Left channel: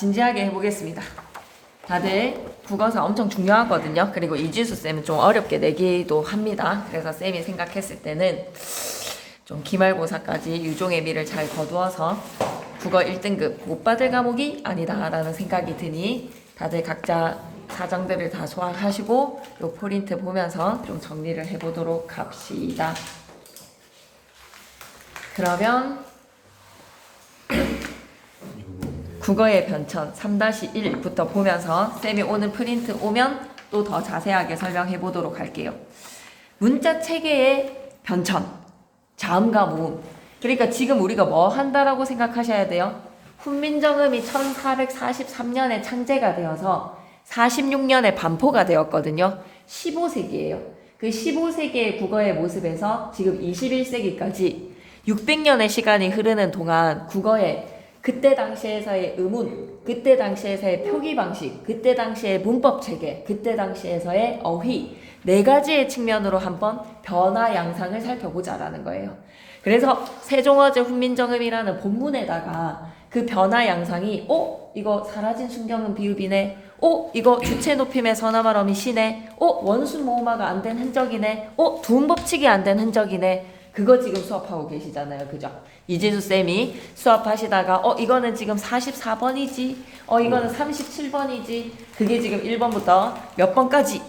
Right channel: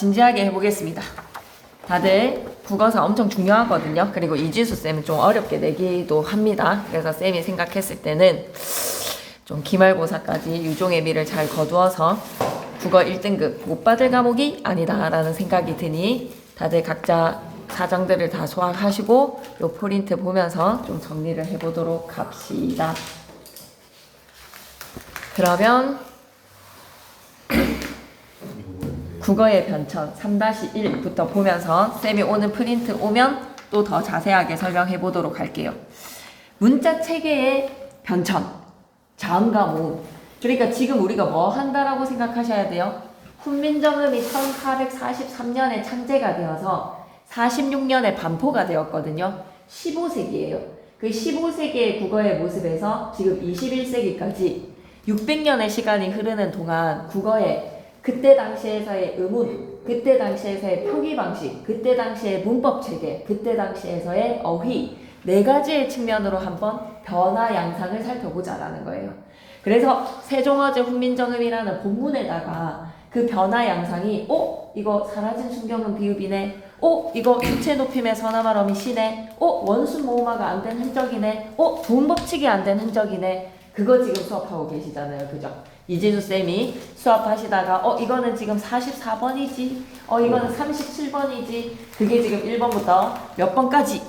진지하게 해보겠습니다. 다들 국어사 엄청 중요하거든요. 그리고 이지수 쌤은 좀 어렵게 내기도 합니다. 그래서 쌤이 생각했을 때는 좀 기말고사까지 유종의 미를 잘 거두어서 국어 1등급 못 받을 과목이 아니다라는 생각이 드니 다들 각자 사정들을 다 소화하시고 요 포인트 보면서 좀 정리를 해보도록 합시다. 그러면 국어의 변천 3-1부터 보면서 쌤이 오는 프린트 오면 또 더 자세하게 설명해 보도록 할게요. 문자 체계의 변천, 자음과 모음. 그러니까 지금 우리가 뭐 한다라고 생각하셔야 돼요? 훈민정음이 1443년에 창제가 되어서 46년에 반포가 되었거든요. 15세기예요. 그 15세기의 국어의 모습에서 지금 21세기까지 600년의 시간이 흐르는 동안 국어의 그때 당시에서의 의문, 그때 당시에서의 표기 방식, 그때 당시의 문법 체계, 그때 당시에서의 어휘 네 가지의 측면으로 한번 변화 양상을 살펴보자라는 거예요. 그래서 세종어제 훈민정음이라는 본문에다가 그 변화 양상이 이거 사라진 순경음 비읍이네. 이거 주체 높임의 서나말어미 시네. 원수 모음화가 안 된 흔적이네. 부음법칙이 안 된 흔적이네. 그거 지금 수업하고 계시잖아요. 그죠? 이진수 쌤이 수업하시다가 이거는 지금 44번이지. 이거는 37번이지. 그게 지금 1번부터 몇 번까지?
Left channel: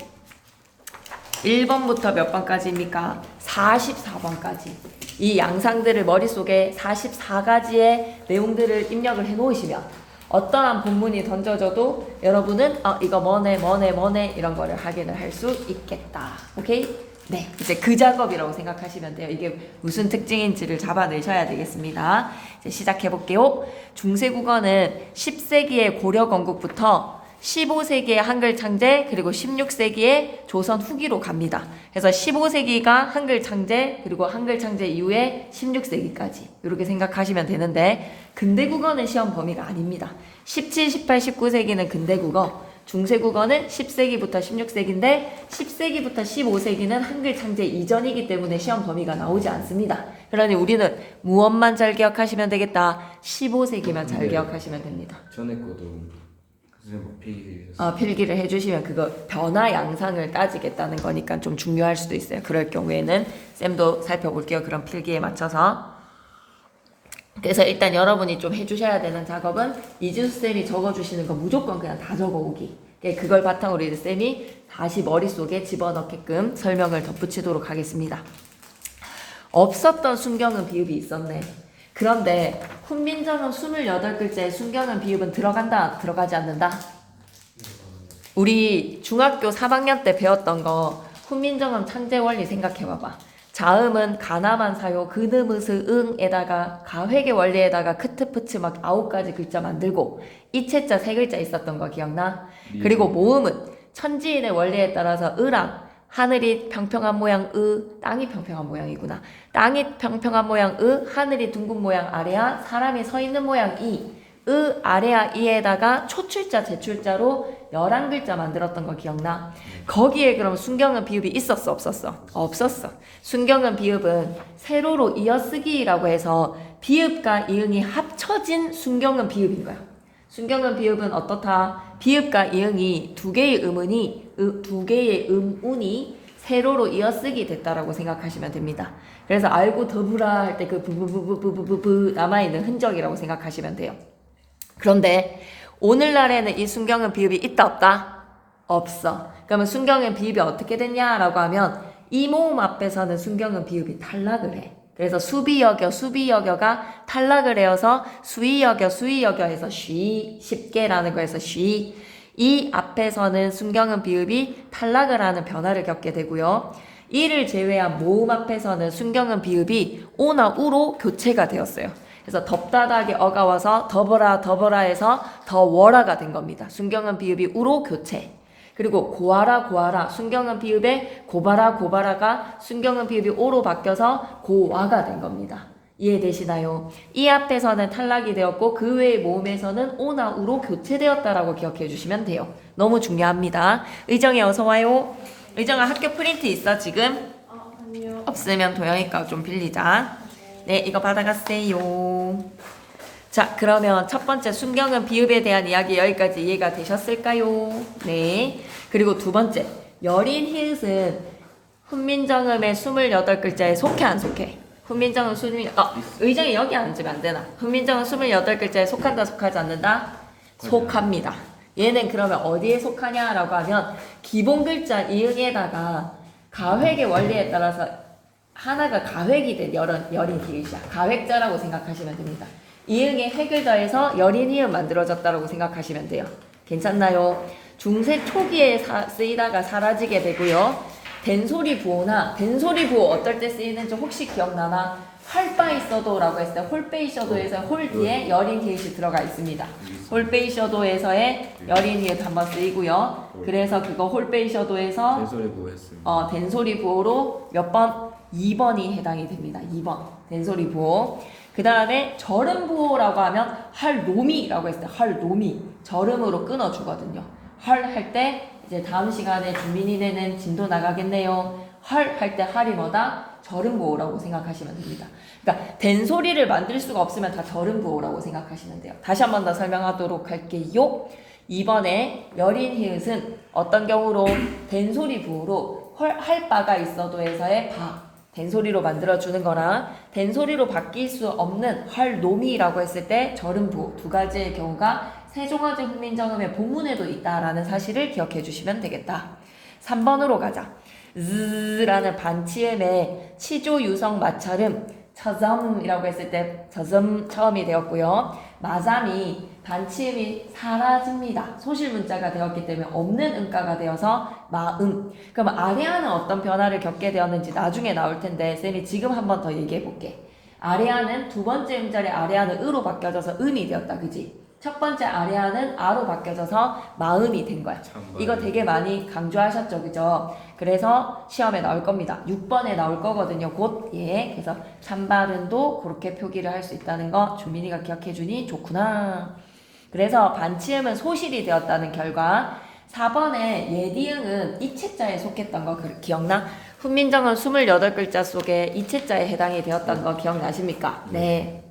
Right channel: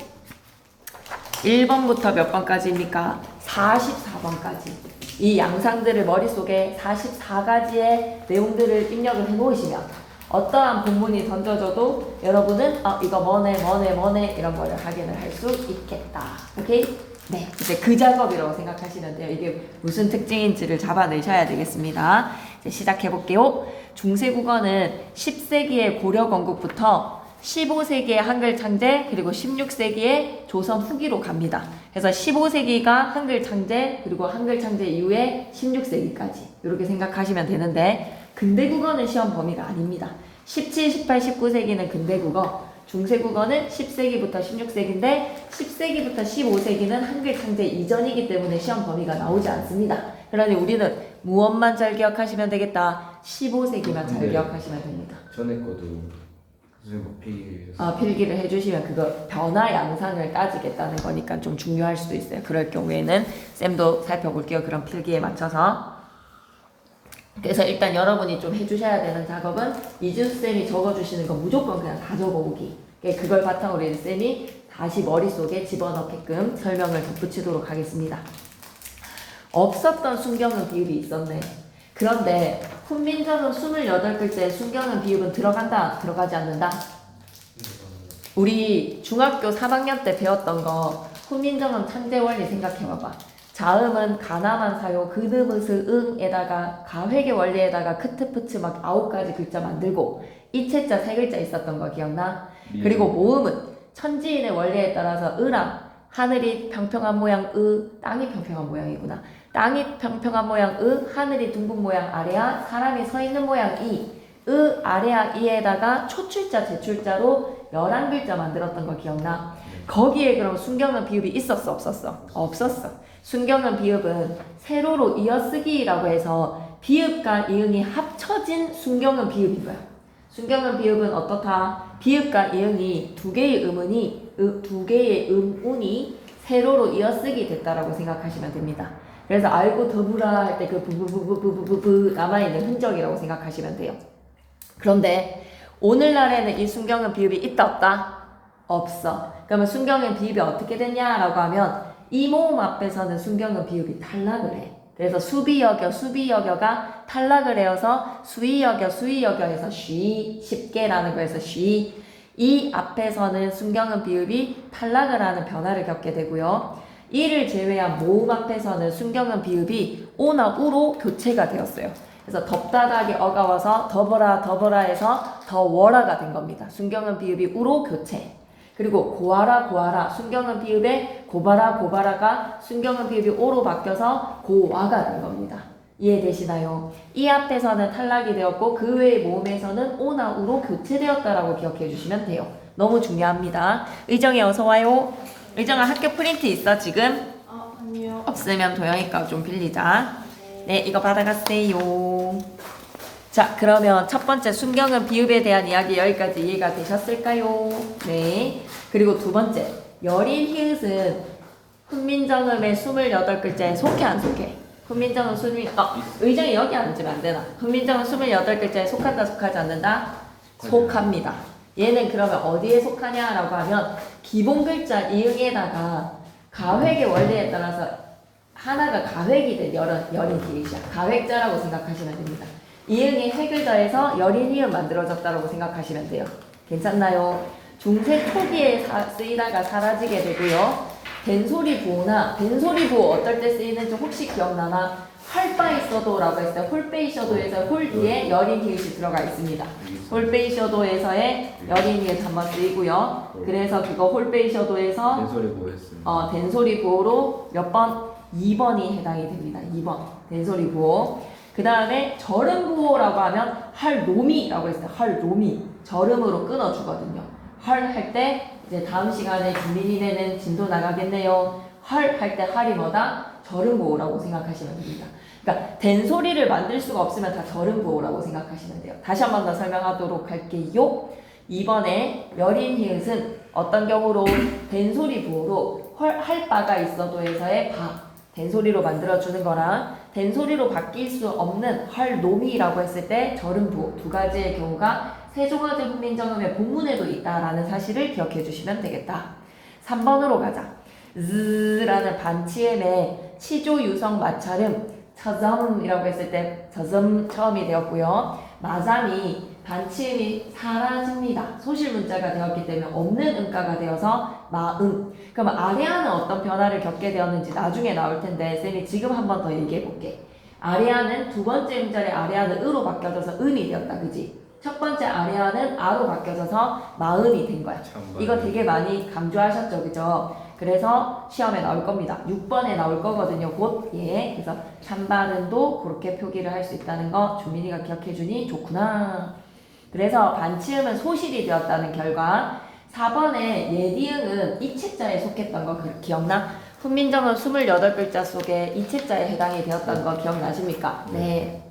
1번부터 몇 번까지입니까? 44번까지. 이 양상들을 머릿속에 44가지의 내용들을 입력을 해놓으시면 어떠한 본문이 던져져도 여러분은 이거 뭐네 이런 거를 확인을 할 수 있겠다. 오케이? 네, 이제 그 작업이라고 생각하시면 돼요. 이게 무슨 특징인지를 잡아내셔야 되겠습니다. 이제 시작해 볼게요. 중세국어는 10세기의 고려 건국부터 15세기의 한글 창제 그리고 16세기의 조선 후기로 갑니다. 그래서 15세기가 한글 창제 그리고 한글 창제 이후에 16세기까지 이렇게 생각하시면 되는데 근대국어는 시험 범위가 아닙니다. 17, 18, 19세기는 근대국어 중세국어는 10세기부터 16세기인데 10세기부터 15세기는 한글 창제 이전이기 때문에 시험 범위가 나오지 않습니다. 그러니 우리는 무엇만 잘 기억하시면 되겠다. 15세기만 잘 기억하시면 됩니다. 전에 거도 필기를 필기를 해주시면 그거 변화 양상을 따지겠다는 거니까 좀 중요할 수도 있어요. 그럴 경우에는 쌤도 살펴볼게요. 그런 필기에 맞춰서. 그래서 일단 여러분이 좀 해주셔야 되는 작업은 이진수 쌤이 적어주시는 거 무조건 그냥 다 적어오기. 그걸 바탕으로 이제 쌤이 다시 머릿속에 집어넣게끔 설명을 덧붙이도록 하겠습니다. 없었던 순경은 비읍이 있었네. 그런데 훈민정음 28글자에 순경은 비읍은 들어간다? 들어가지 않는다? 우리 중학교 3학년 때 배웠던 거 훈민정음 창제 원리 생각해봐봐. 자음은 가나만 사요. 그드무스 응에다가 가회계 원리에다가 크트프츠 막 9가지 글자 만들고 이체자 3글자 있었던 거 기억나? 그리고 모음은 천지인의 원리에 따라서 으랑 하늘이 평평한 모양 땅이 평평한 모양이구나. 땅이 평평한 모양 하늘이 둥근 모양 아래야 사람이 서 있는 모양 아래야 이에다가 초출자 제출자로 11글자 만들었던 거 기억나? 거기에 그럼 순경은 비읍이 있었어 없었어? 없었어. 순경은 비읍은 세로로 이어쓰기라고 해서 비읍과 이응이 합쳐진 순경은 비읍인 거야. 순경은 비읍은 어떻다? 비읍과 이응이 두 개의 음운이 세로로 이어쓰기 됐다라고 생각하시면 됩니다. 그래서 알고 더불어 할 때 그 부부부부부부부 남아있는 흔적이라고 생각하시면 돼요. 그런데 오늘날에는 이 순경은 비읍이 있다 없다? 없어. 그러면 순경은 비읍이 어떻게 됐냐라고 하면 이 모음 앞에서는 순경은 비읍이 탈락을 해. 그래서 수비여겨가 탈락을 해서 수이여겨 해서 쉽게라는 거에서 이 앞에서는 순경은 비읍이 탈락을 하는 변화를 겪게 되고요. 이를 제외한 모음 앞에서는 순경은 비읍이 오나 우로 교체가 되었어요. 그래서 덥다하게 어가 와서 더버라 해서 더워라가 된 겁니다. 순경은 비읍이 우로 교체. 그리고 고아라 순경은 비읍에 고바라가 순경은 비읍이 오로 바뀌어서 고와가 된 겁니다. 이해되시나요? 이 앞에서는 탈락이 되었고 그 외의 모음에서는 오나 우로 교체되었다라고 기억해 주시면 돼요. 너무 중요합니다. 의정이 어서 와요. 의정아 학교 프린트 있어 지금? 아니요. 없으면 도영이 거 좀 빌리자. 네, 이거 받아가세요. 자, 그러면 첫 번째 순경은 비읍에 대한 이야기 여기까지 이해가 되셨을까요? 네. 그리고 두 번째, 여린 히읗은 훈민정음의 28글자에 속해 안 속해? 훈민정음 의장이 여기 앉으면 안 되나? 훈민정음 28글자에 속한다 속하지 않는다? 속합니다. 얘는 그러면 어디에 속하냐라고 하면 기본 글자 이응에다가 가획의 원리에 따라서 하나가 가획이 된 여린 히읗이야. 가획자라고 생각하시면 됩니다. 이응에 획을 더해서 여린 히읗 만들어졌다라고 생각하시면 돼요. 괜찮나요? 중세 초기에 쓰이다가 사라지게 되고요. 된소리 부호나 된소리 부호 어떨 때 쓰이는지 혹시 기억나나? 할 바 있어도라고 했을 때 홀베이셔도에서 홀 뒤에 여린 히읗이 들어가 있습니다. 홀베이셔도에서의 여린 히읗 한번 쓰이고요. 그래서 그거 홀베이셔도에서 된소리 부호 했습니다. 된소리 부호로 몇 번? 2번이 해당이 됩니다. 2번 된소리 부호. 그 다음에 절음 부호라고 하면 할노미라고 했을 때 할노미 절음으로 끊어주거든요. 할 할 때 이제 다음 시간에 준민이네는 진도 나가겠네요. 할 할 때 할이 뭐다? 절음부호라고 생각하시면 됩니다. 그러니까 된소리를 만들 수가 없으면 다 절음부호라고 생각하시면 돼요. 다시 한 번 더 설명하도록 할게요. 이번에 여린 히읗은 어떤 경우로 된소리 부호로 할 바가 있어도에서의 바 된소리로 만들어주는 거랑 된소리로 바뀔 수 없는 할노미라고 했을 때 절음부호 두 가지의 경우가 세종어제 훈민정음의 본문에도 있다라는 사실을 기억해 주시면 되겠다. 3번으로 가자. 라는 반치음의 치조 유성 마찰음 처점이라고 했을 때 저점 처음이 되었고요. 마잠이 반치음이 사라집니다. 소실 문자가 되었기 때문에 없는 음가가 되어서 마음. 그럼 아래아는 어떤 변화를 겪게 되었는지 나중에 나올 텐데 쌤이 지금 한 번 더 얘기해 볼게. 아래아는 두 번째 음절의 아래아는 으로 바뀌어져서 음이 되었다. 그지? 첫 번째 아래아는 아로 바뀌어져서 마음이 된 거야. 이거 되게 많이 강조하셨죠, 그죠? 그래서 시험에 나올 겁니다. 6번에 나올 거거든요, 곧. 예. 그래서 찬발음도 그렇게 표기를 할 수 있다는 거 준민이가 기억해주니 좋구나. 그래서 반치음은 소실이 되었다는 결과. 4번에 예디응은 이체자에 속했던 거 기억나? 훈민정음 28글자 속에 이체자에 해당이 되었던 거 기억나십니까? 네.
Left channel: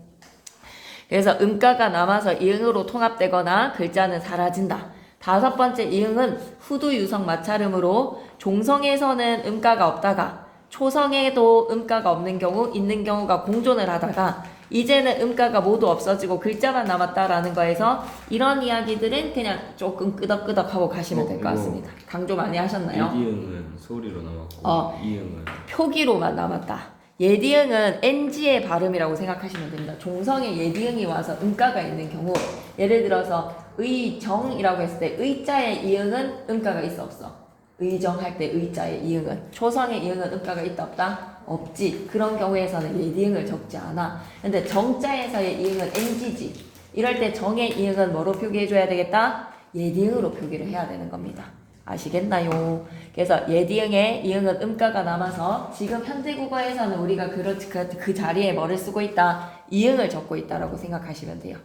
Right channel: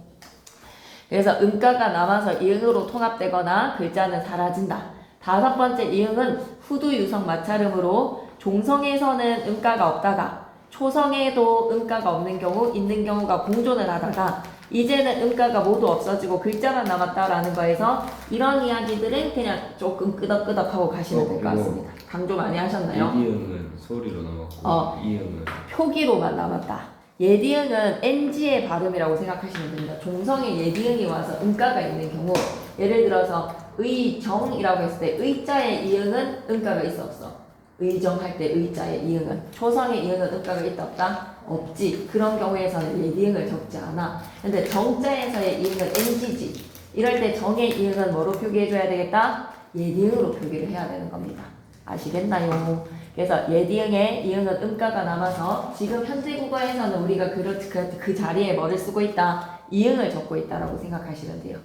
그래서 음가가 남아서 이응으로 통합되거나 글자는 사라진다. 다섯 번째 이응은 후두 유성 마찰음으로 종성에서는 음가가 없다가 초성에도 음가가 없는 경우 있는 경우가 공존을 하다가 이제는 음가가 모두 없어지고 글자만 남았다라는 거에서 이런 이야기들은 그냥 조금 끄덕끄덕하고 가시면 될 것 같습니다. 강조 많이 하셨나요? 이응은 소리로 남았고 이응은 표기로만 남았다. 예디응은 NG의 발음이라고 생각하시면 됩니다. 종성에 예디응이 와서 음가가 있는 경우 예를 들어서 의정이라고 했을 때 의자의 이응은 음가가 있어 없어? 의정할 때 의자의 이응은 초성의 이응은 음가가 있다 없다? 없지. 그런 경우에서는 예디응을 적지 않아. 근데 정자에서의 이응은 NG지. 이럴 때 정의 이응은 뭐로 표기해줘야 되겠다? 예디응으로 표기를 해야 되는 겁니다. 아시겠나요? 그래서 예디응에 이응은 음가가 남아서 지금 현재 국어에서는 우리가 그 자리에 뭐를 쓰고 있다? 이응을 적고 있다라고 생각하시면 돼요.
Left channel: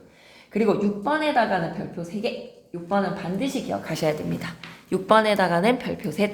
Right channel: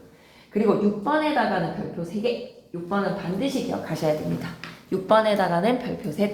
그리고 6번에다가는 별표 3개. 6번은 반드시 기억하셔야 됩니다. 6번에다가는 별표 셋.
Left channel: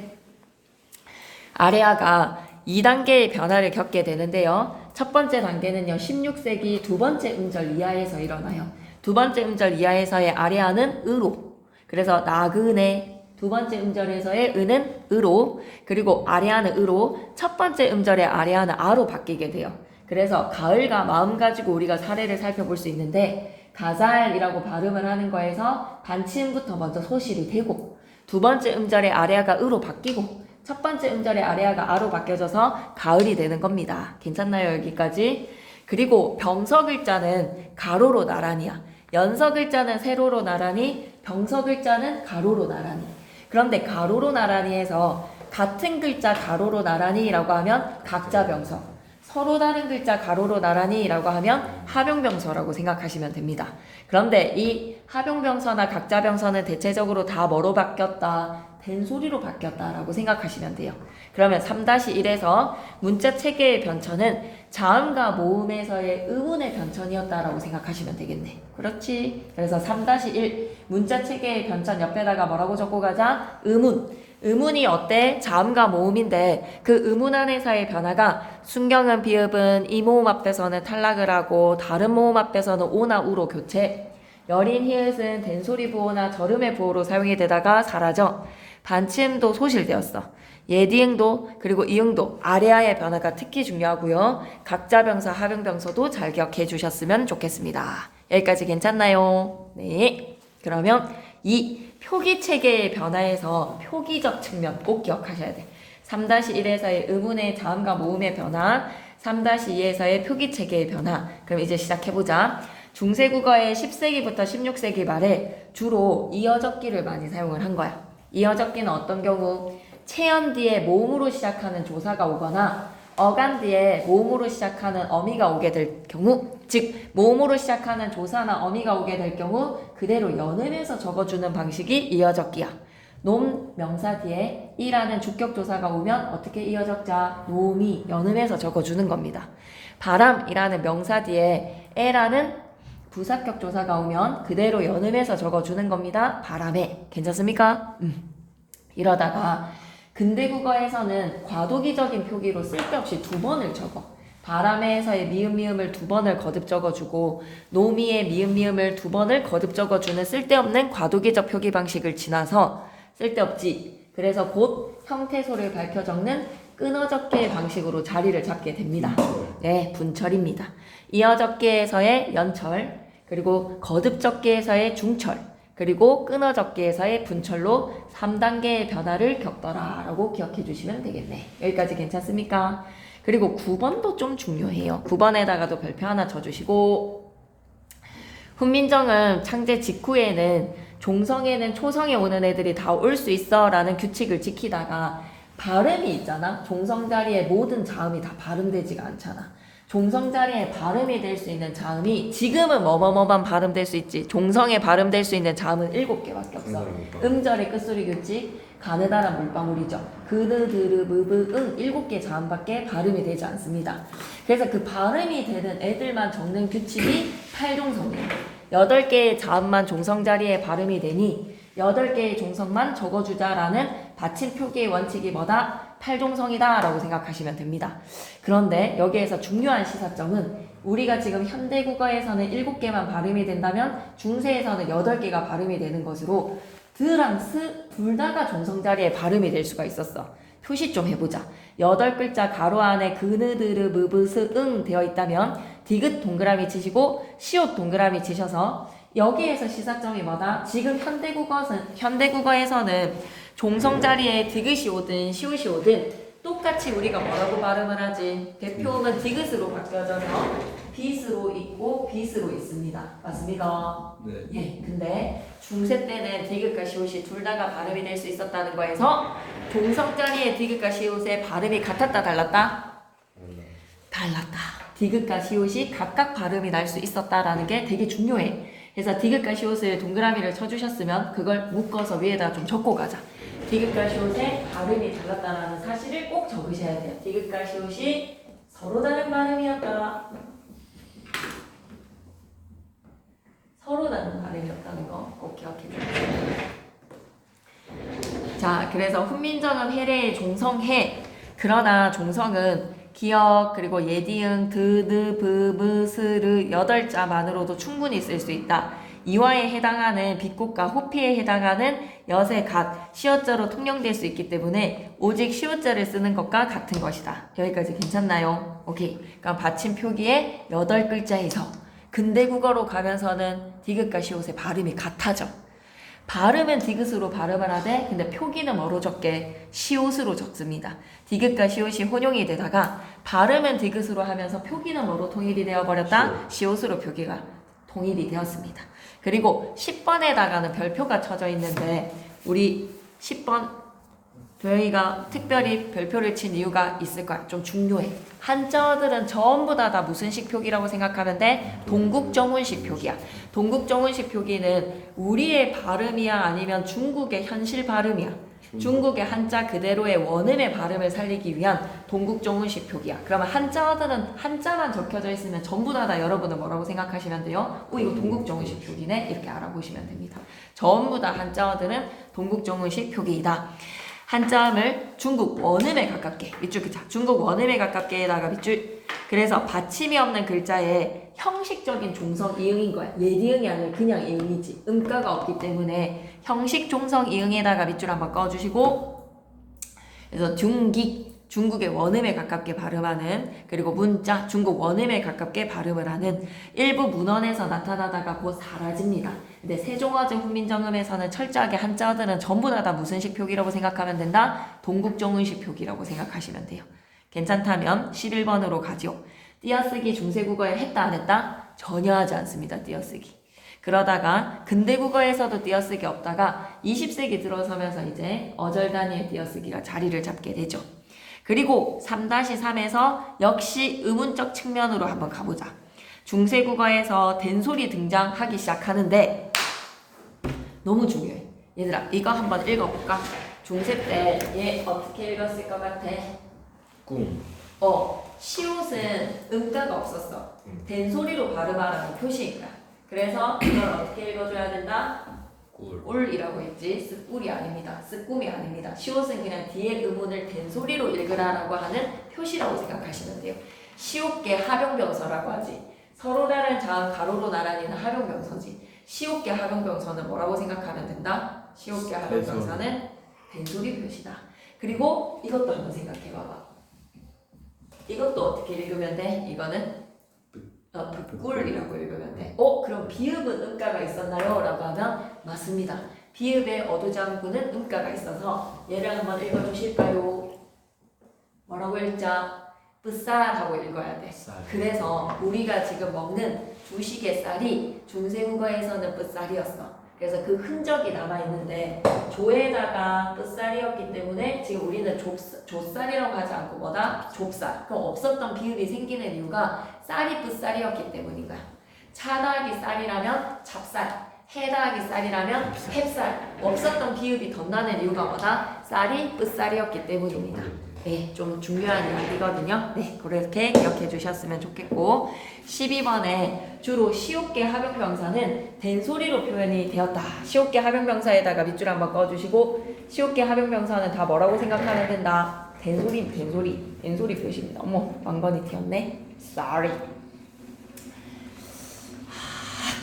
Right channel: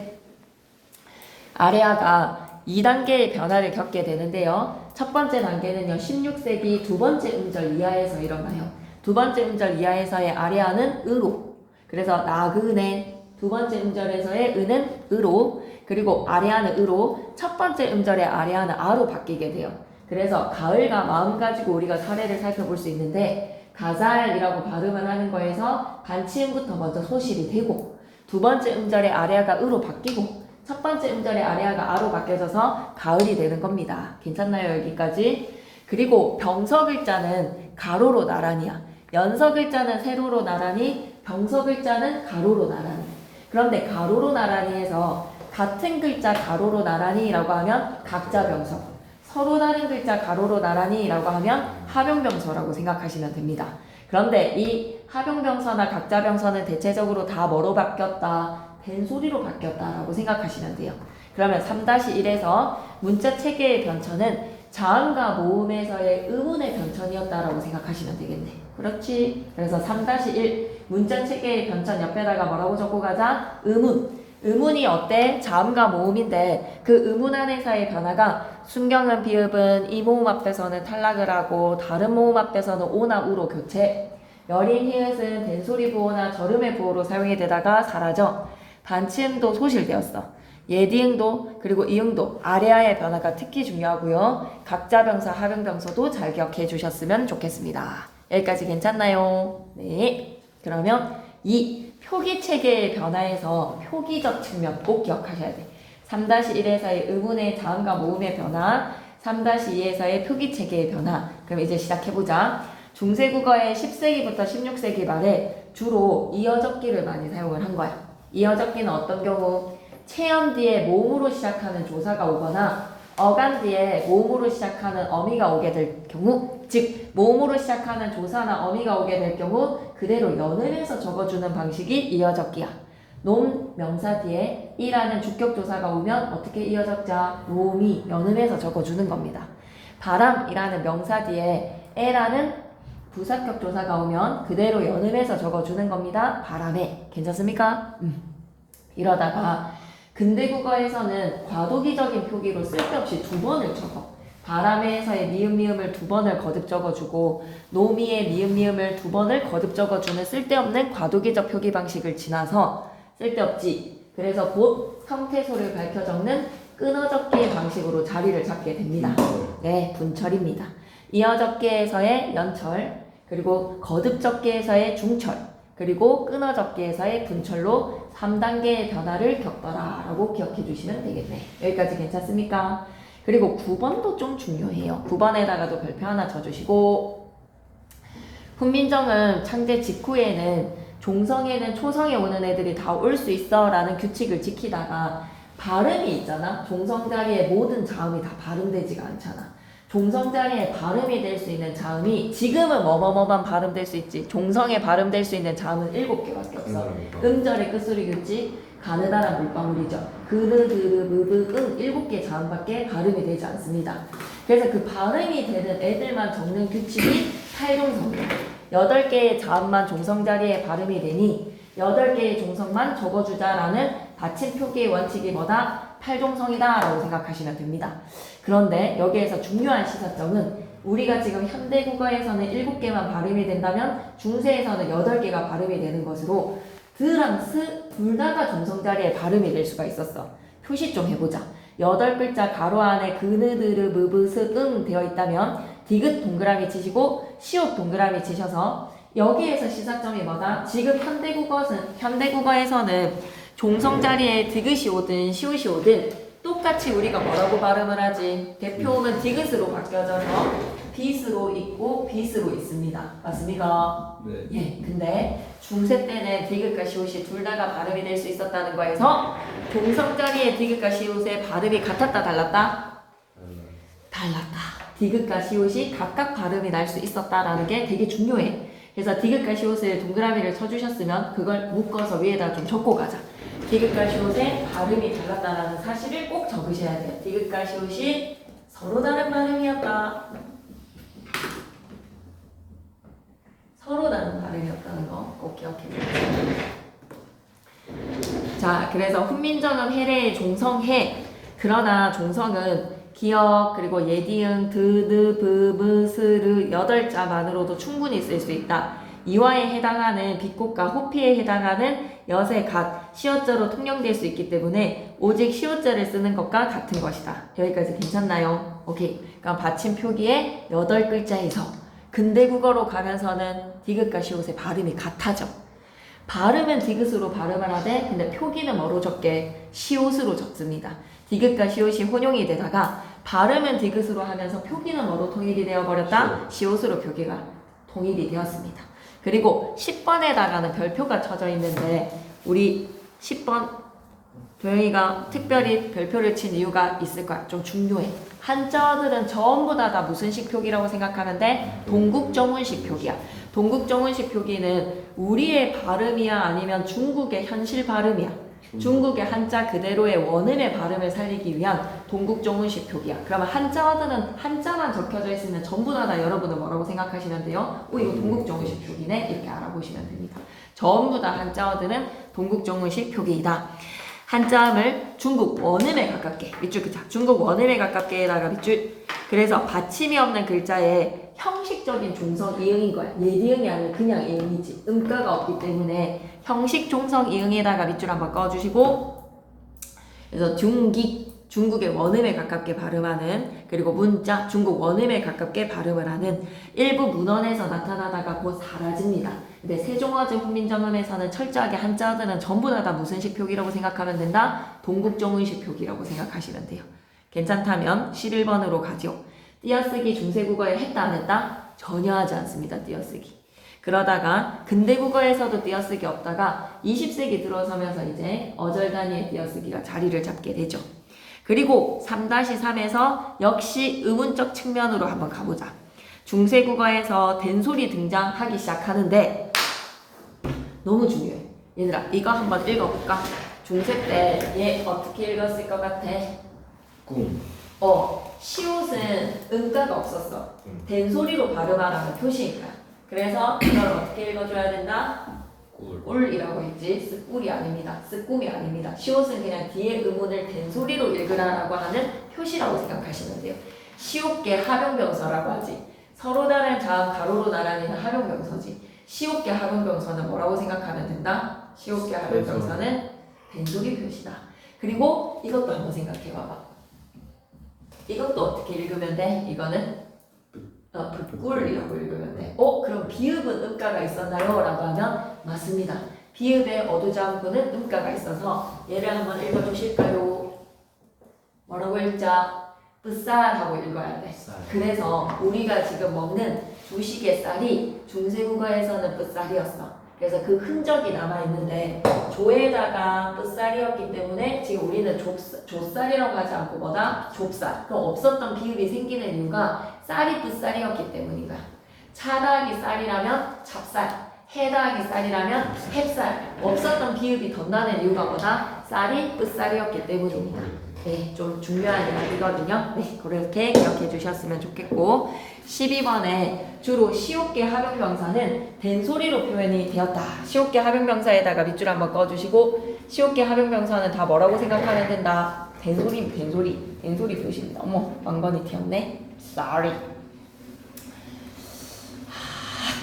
아래아가 2단계의 변화를 겪게 되는데요. 첫 번째 단계는요. 16세기 두 번째 음절 이하에서 일어나요. 두 번째 음절 이하에서의 아래아는 으로. 그래서 나그네 두 번째 음절에서의 으는 으로, 그리고 아래아는 으로, 첫 번째 음절의 아래아는 아로 바뀌게 돼요. 그래서 가을과 마음 가지고 우리가 사례를 살펴볼 수 있는데 가잘이라고 발음을 하는 거에서 반치음부터 먼저 소실이 되고 두 번째 음절의 아래아가 으로 바뀌고 첫 번째 음절의 아래아가 아로 바뀌어져서 가을이 되는 겁니다. 괜찮나요? 여기까지? 그리고 병서 글자는 가로로 나란히야. 연서 글자는 세로로 나란히, 병서 글자는 가로로 나란히. 그런데 가로로 나란히에서 같은 글자 가로로 나란히라고 하면 각자병서, 서로 다른 글자 가로로 나란히라고 하면 하병병서라고 생각하시면 됩니다. 그런데 이 하병병서나 각자병서는 대체적으로 다 뭐로 바뀌었다? 된소리로 바뀌었다라고 생각하시면 돼요. 그러면 3-1에서 문자 체계의 변천은 자음과 모음에서의 의문의 변천이었다라고 생각하시면 되겠네. 그렇지? 그래서 3-1 문자 체계의 변천 옆에다가 뭐라고 적고 가자? 의문. 의문이 어때? 자음과 모음인데 그 의문 안에서의 변화가 순경은 비읍은 이 모음 앞에서는 탈락을 하고 다른 모음 앞에서는 오나 우로 교체. 여린 히읗은 된소리 부호나 절음의 부호로 사용이 되다가 사라져. 반치음도 소실되었어. 예디응도 그리고 이응도 아래아의 변화가 특히 중요하고요. 각자 병사, 하병 병서도 잘 기억해 주셨으면 좋겠습니다. 여기까지 괜찮나요? 네. 그러면 이 표기 체계의 변화에서 표기적 측면 꼭 기억하셔야 돼. 3-1에서의 의문의 자음과 모음의 변화, 3-2에서의 표기 체계의 변화. 그럼 이제 시작해보자. 중세국어의 10세기부터 16세기 말에 주로 이어적기를 많이 사용을 한 거야. 이어적기는 어떤 경우? 체연 뒤에 모음으로 시작하는 조사가 오거나 어간 뒤에 모음으로 시작하는 어미가 오게 될 경우, 즉 모음으로 시작하는 조사나 어미가 오게 될 경우 그대로 연음해서 적어주는 방식이 이어적기야. 놈 명사 뒤에 이라는 주격조사가 오면 어떻게 이어적자? 놈이 연음해서 적어주는 겁니다. 바람이라는 명사 뒤에 에라는 부사격 조사가 오면 그대로 연음해서 적어주는 겁니다. 바람에. 괜찮습니까? 이러다가 근대국어에서는 과도기적인 표기로 쓸데없이 두 번을 적어. 바람에서의 미음을 두 번을 거듭 적어주고 노미의 미음을 두 번을 거듭 적어주는 쓸데없는 과도기적 표기 방식을 지나서 쓸데없지. 그래서 곧 형태소를 밝혀 적는 끊어적기의 방식으로 자리를 잡게 됩니다. 네, 분철입니다. 이어적기에서의 연철, 그리고 거듭적기에서의 중철, 그리고 끊어적기에서의 분철로 3단계의 변화를 겪더라 라고 기억해 주시면 되겠네. 여기까지 괜찮습니까? 그리고 9번도 좀 중요해요. 9번에다가도 별표 하나 쳐주시고, 훈민정음 창제 직후에는 종성에는 초성에 오는 애들이 다 올 수 있어 라는 규칙을 지키다가 발음이 있잖아. 종성 자리에 모든 자음이 다 발음되지가 않잖아. 종성 자리에 발음이 될 수 있는 자음이 지금은 뭐뭐뭐만 발음될 수 있지. 종성에 발음될 수 있는 자음은 7개밖에 없어. 음절의 끝소리 규칙, 가느다란 물방울이죠. 그르, 드르, 무브, 응 7개 자음밖에 발음이 되지 않습니다. 그래서 그 발음이 되는 애들만 적는 규칙이 8종성이에요. 8개의 자음만 종성 자리에 발음이 되니 8개의 종성만 적어주자라는 받침 표기의 원칙이 뭐다? 8종성이다 라고 생각하시면 됩니다. 그런데 여기에서 중요한 시사점은 우리가 지금 현대국어에서는 7개만 발음이 된다면 중세에서는 8개가 발음이 되는 것으로 드랑 스 둘 다가 종성 자리에 발음이 될 수가 있었어. 표시 좀 해보자. 8글자 가로 안에 그느드르 무브스 응 되어 있다면 디귿 동그라미 치시고 시옷 동그라미 치셔서 여기에서 시사점이 뭐다? 지금 현대국어에서는 종성 자리에 디귿이 오든 시옷이 오든 똑같이 우리가 뭐라고 발음을 하지? 대표음은 디귿으로 바뀌어져서 빗으로 있고 빗으로 있습니다. 맞습니까? 네. 예. 근데 중세 때는 디귿과 시옷이 둘 다가 발음이 될 수 있었다는 거에서 종성 자리에 디귿과 시옷의 발음이 같았다 달랐다? 달랐다. 디귿과 시옷이 각각 발음이 날 수 있었다라는 게 되게 중요해. 그래서 디귿과 시옷을 동그라미를 쳐주셨으면 그걸 묶어서 위에다 좀 적고 가자. 디귿과 시옷의 발음이 달랐다는 사실을 꼭 적으셔야 돼요. 디귿과 시옷이 서로 다른 발음이었다. 서로 다른 발음이었다는 거 꼭 기억해 주세요. 자, 그래서 훈민정음 해례의 종성해. 그러나 종성은 기역 그리고 예디응 드드 브브 스르 8자만으로도 충분히 쓸 수 있다. 이화에 해당하는 비꽃과 호피에 해당하는 엿의 갓, 시옷자로 통용될 수 있기 때문에 오직 시옷자를 쓰는 것과 같은 것이다. 여기까지 괜찮나요? 오케이. 그러니까 받침 표기의 8글자에서 근대국어로 가면서는 디귿과 시옷의 발음이 같아져. 발음은 디귿으로 발음을 하되 근데 표기는 뭐로 적게? 시옷으로 적습니다. 디귿과 시옷이 혼용이 되다가 발음은 디귿으로 하면서 표기는 뭐로 통일이 되어버렸다? 시옷으로 표기가 통일이 되었습니다. 그리고 10번에다가는 별표가 쳐져 있는데 우리 10번 도영이가 특별히 별표를 친 이유가 있을 거야. 좀 중요해. 한자어들은 전부 다 무슨 식 표기라고 생각하면 돼? 동국정운식 표기야. 동국정운식 표기는 우리의 발음이야 아니면 중국의 현실 발음이야. 중국의 한자 그대로의 원음의 발음을 살리기 위한 동국정운식 표기야. 그러면 한자어들은 한자만 적혀져 있으면 전부 다 여러분은 뭐라고 생각하시면 돼요? 이거 동국정운식 표기네? 이렇게 알아보시면 됩니다. 전부 다 한자어들은 동국정운식 표기이다. 한자음을 중국 원음에 가깝게 밑줄 그자 중국 원음에 가깝게에다가 밑줄. 그래서 받침이 없는 글자에 형식적인 종성 이응인 거야. 예디응이 아니라 그냥 이응이지. 음가가 없기 때문에 형식 종성 이응에다가 밑줄 한번 꺼주시고. 그래서 중국의 원음에 가깝게 발음하는, 그리고 문자 중국 원음에 가깝게 발음을 하는 일부 문헌에서 나타나다가 곧 사라집니다. 근데 세종어제 훈민정음에서는 철저하게 한자어들은 전부 다 무슨식 표기라고 생각하면 된다? 동국정운식 표기라고 생각하시면 돼요. 괜찮다면 11번으로 가죠. 띄어쓰기 중세국어에 했다 안 했다? 전혀 하지 않습니다. 띄어쓰기. 그러다가 근대국어에서도 띄어쓰기 없다가 20세기 들어서면서 이제 어절 단위의 띄어쓰기가 자리를 잡게 되죠. 그리고 3-3에서 역시 의문적 측면으로 한번 가보자. 중세국어에서 된소리 등장하기 시작하는데 너무 중요해. 얘들아 이거 한번 읽어볼까? 중세 때 얘 어떻게 읽었을 것 같아? 꿈. 시옷은 음가가 없었어. 된소리로 발음하라는 표시니까. 그래서 이걸 어떻게 읽어줘야 된다? 꿀이라고 했지. 쓱꿀이 아닙니다. 쓱꿈이 아닙니다. 시옷은 그냥 뒤에 의문을 된소리로 읽으라라고 하는 표시라고 생각하시면 돼요. 시옷계 합용병서라고 하지. 서로 다른 자음 가로로 나란히는 합용병서지. 시옷계 합용병서는 뭐라고 생각하면 된다? 시옷계 합용병서는 된소리 표시다. 그리고 이것도 한번 생각해봐봐. 이것도 어떻게 읽으면 돼? 이거는 꿀이라고 읽으면 돼. 그럼 비읍은 음가가 있었나요? 라고 하면 맞습니다. 비읍의 어두자음구는 음가가 있어서 얘를 한번 읽어주실까요? 뭐라고 읽자? 뿌쌀하고 읽어야 돼. 그래서 우리가 지금 먹는 주식의 쌀이 중세국어에서는 뿌쌀이었어. 그래서 그 흔적이 남아있는데 조에다가 뿌쌀이었기 때문에 지금 우리는 조쌀이라고 하지 않고 뭐다? 좁쌀. 그럼 없었던 비읍이 생기는 이유가 쌀이 뿌쌀이었기 때문인가? 차 더하기 쌀이라면 찹쌀, 해 더하기 쌀이라면 햅쌀. 없었던 비읍이 덧나는 이유가 뭐다? 쌀이 뿌쌀이었기 때문입니다. 네, 좀 중요한 이야기거든요. 네, 그렇게 기억해 주셨으면 좋겠고 12번에 주로 시옷계 합용명사는 된소리로 표현이 되었다. 시옷계 합용명사에다가 밑줄 한번 꺼주시고 시옷계 합용명사는 다 뭐라고 생각하면 된다? 된소리 표시입니다. 어머, 왕건이 튀었네. Sorry.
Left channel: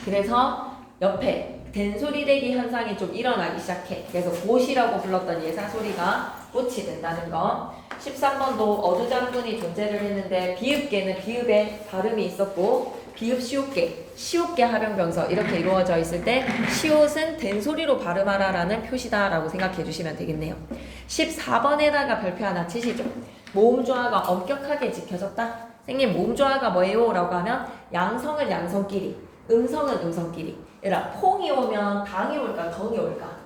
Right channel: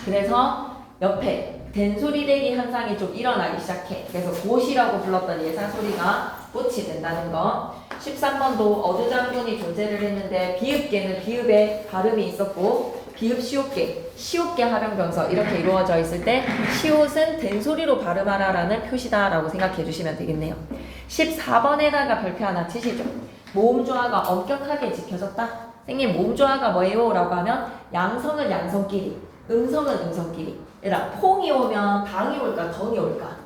그래서 옆에 된소리 대기 현상이 좀 일어나기 시작해. 그래서 곧이라고 불렀던 예사소리가 꽃이 된다는 거. 13번도 어두장군이 존재를 했는데 비읍계는 비읍에 발음이 있었고 비읍 시옷계 합용병서 이렇게 이루어져 있을 때 시옷은 된소리로 발음하라라는 표시다라고 생각해 주시면 되겠네요. 14번에다가 별표 하나 치시죠. 모음조화가 엄격하게 지켜졌다. 선생님 모음조화가 뭐예요? 라고 하면 양성은 양성끼리, 음성은 음성끼리. 얘들아 퐁이 오면 당이 올까 덩이 올까?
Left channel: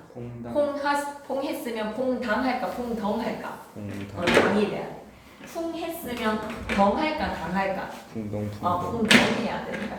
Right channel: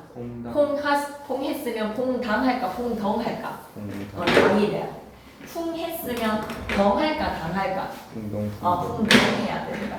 퐁 했으면 퐁당 할까 퐁덩 할까? 당이 돼야 돼. 풍 했으면 덩 할까 당 할까? 풍덩 해야 됩니다.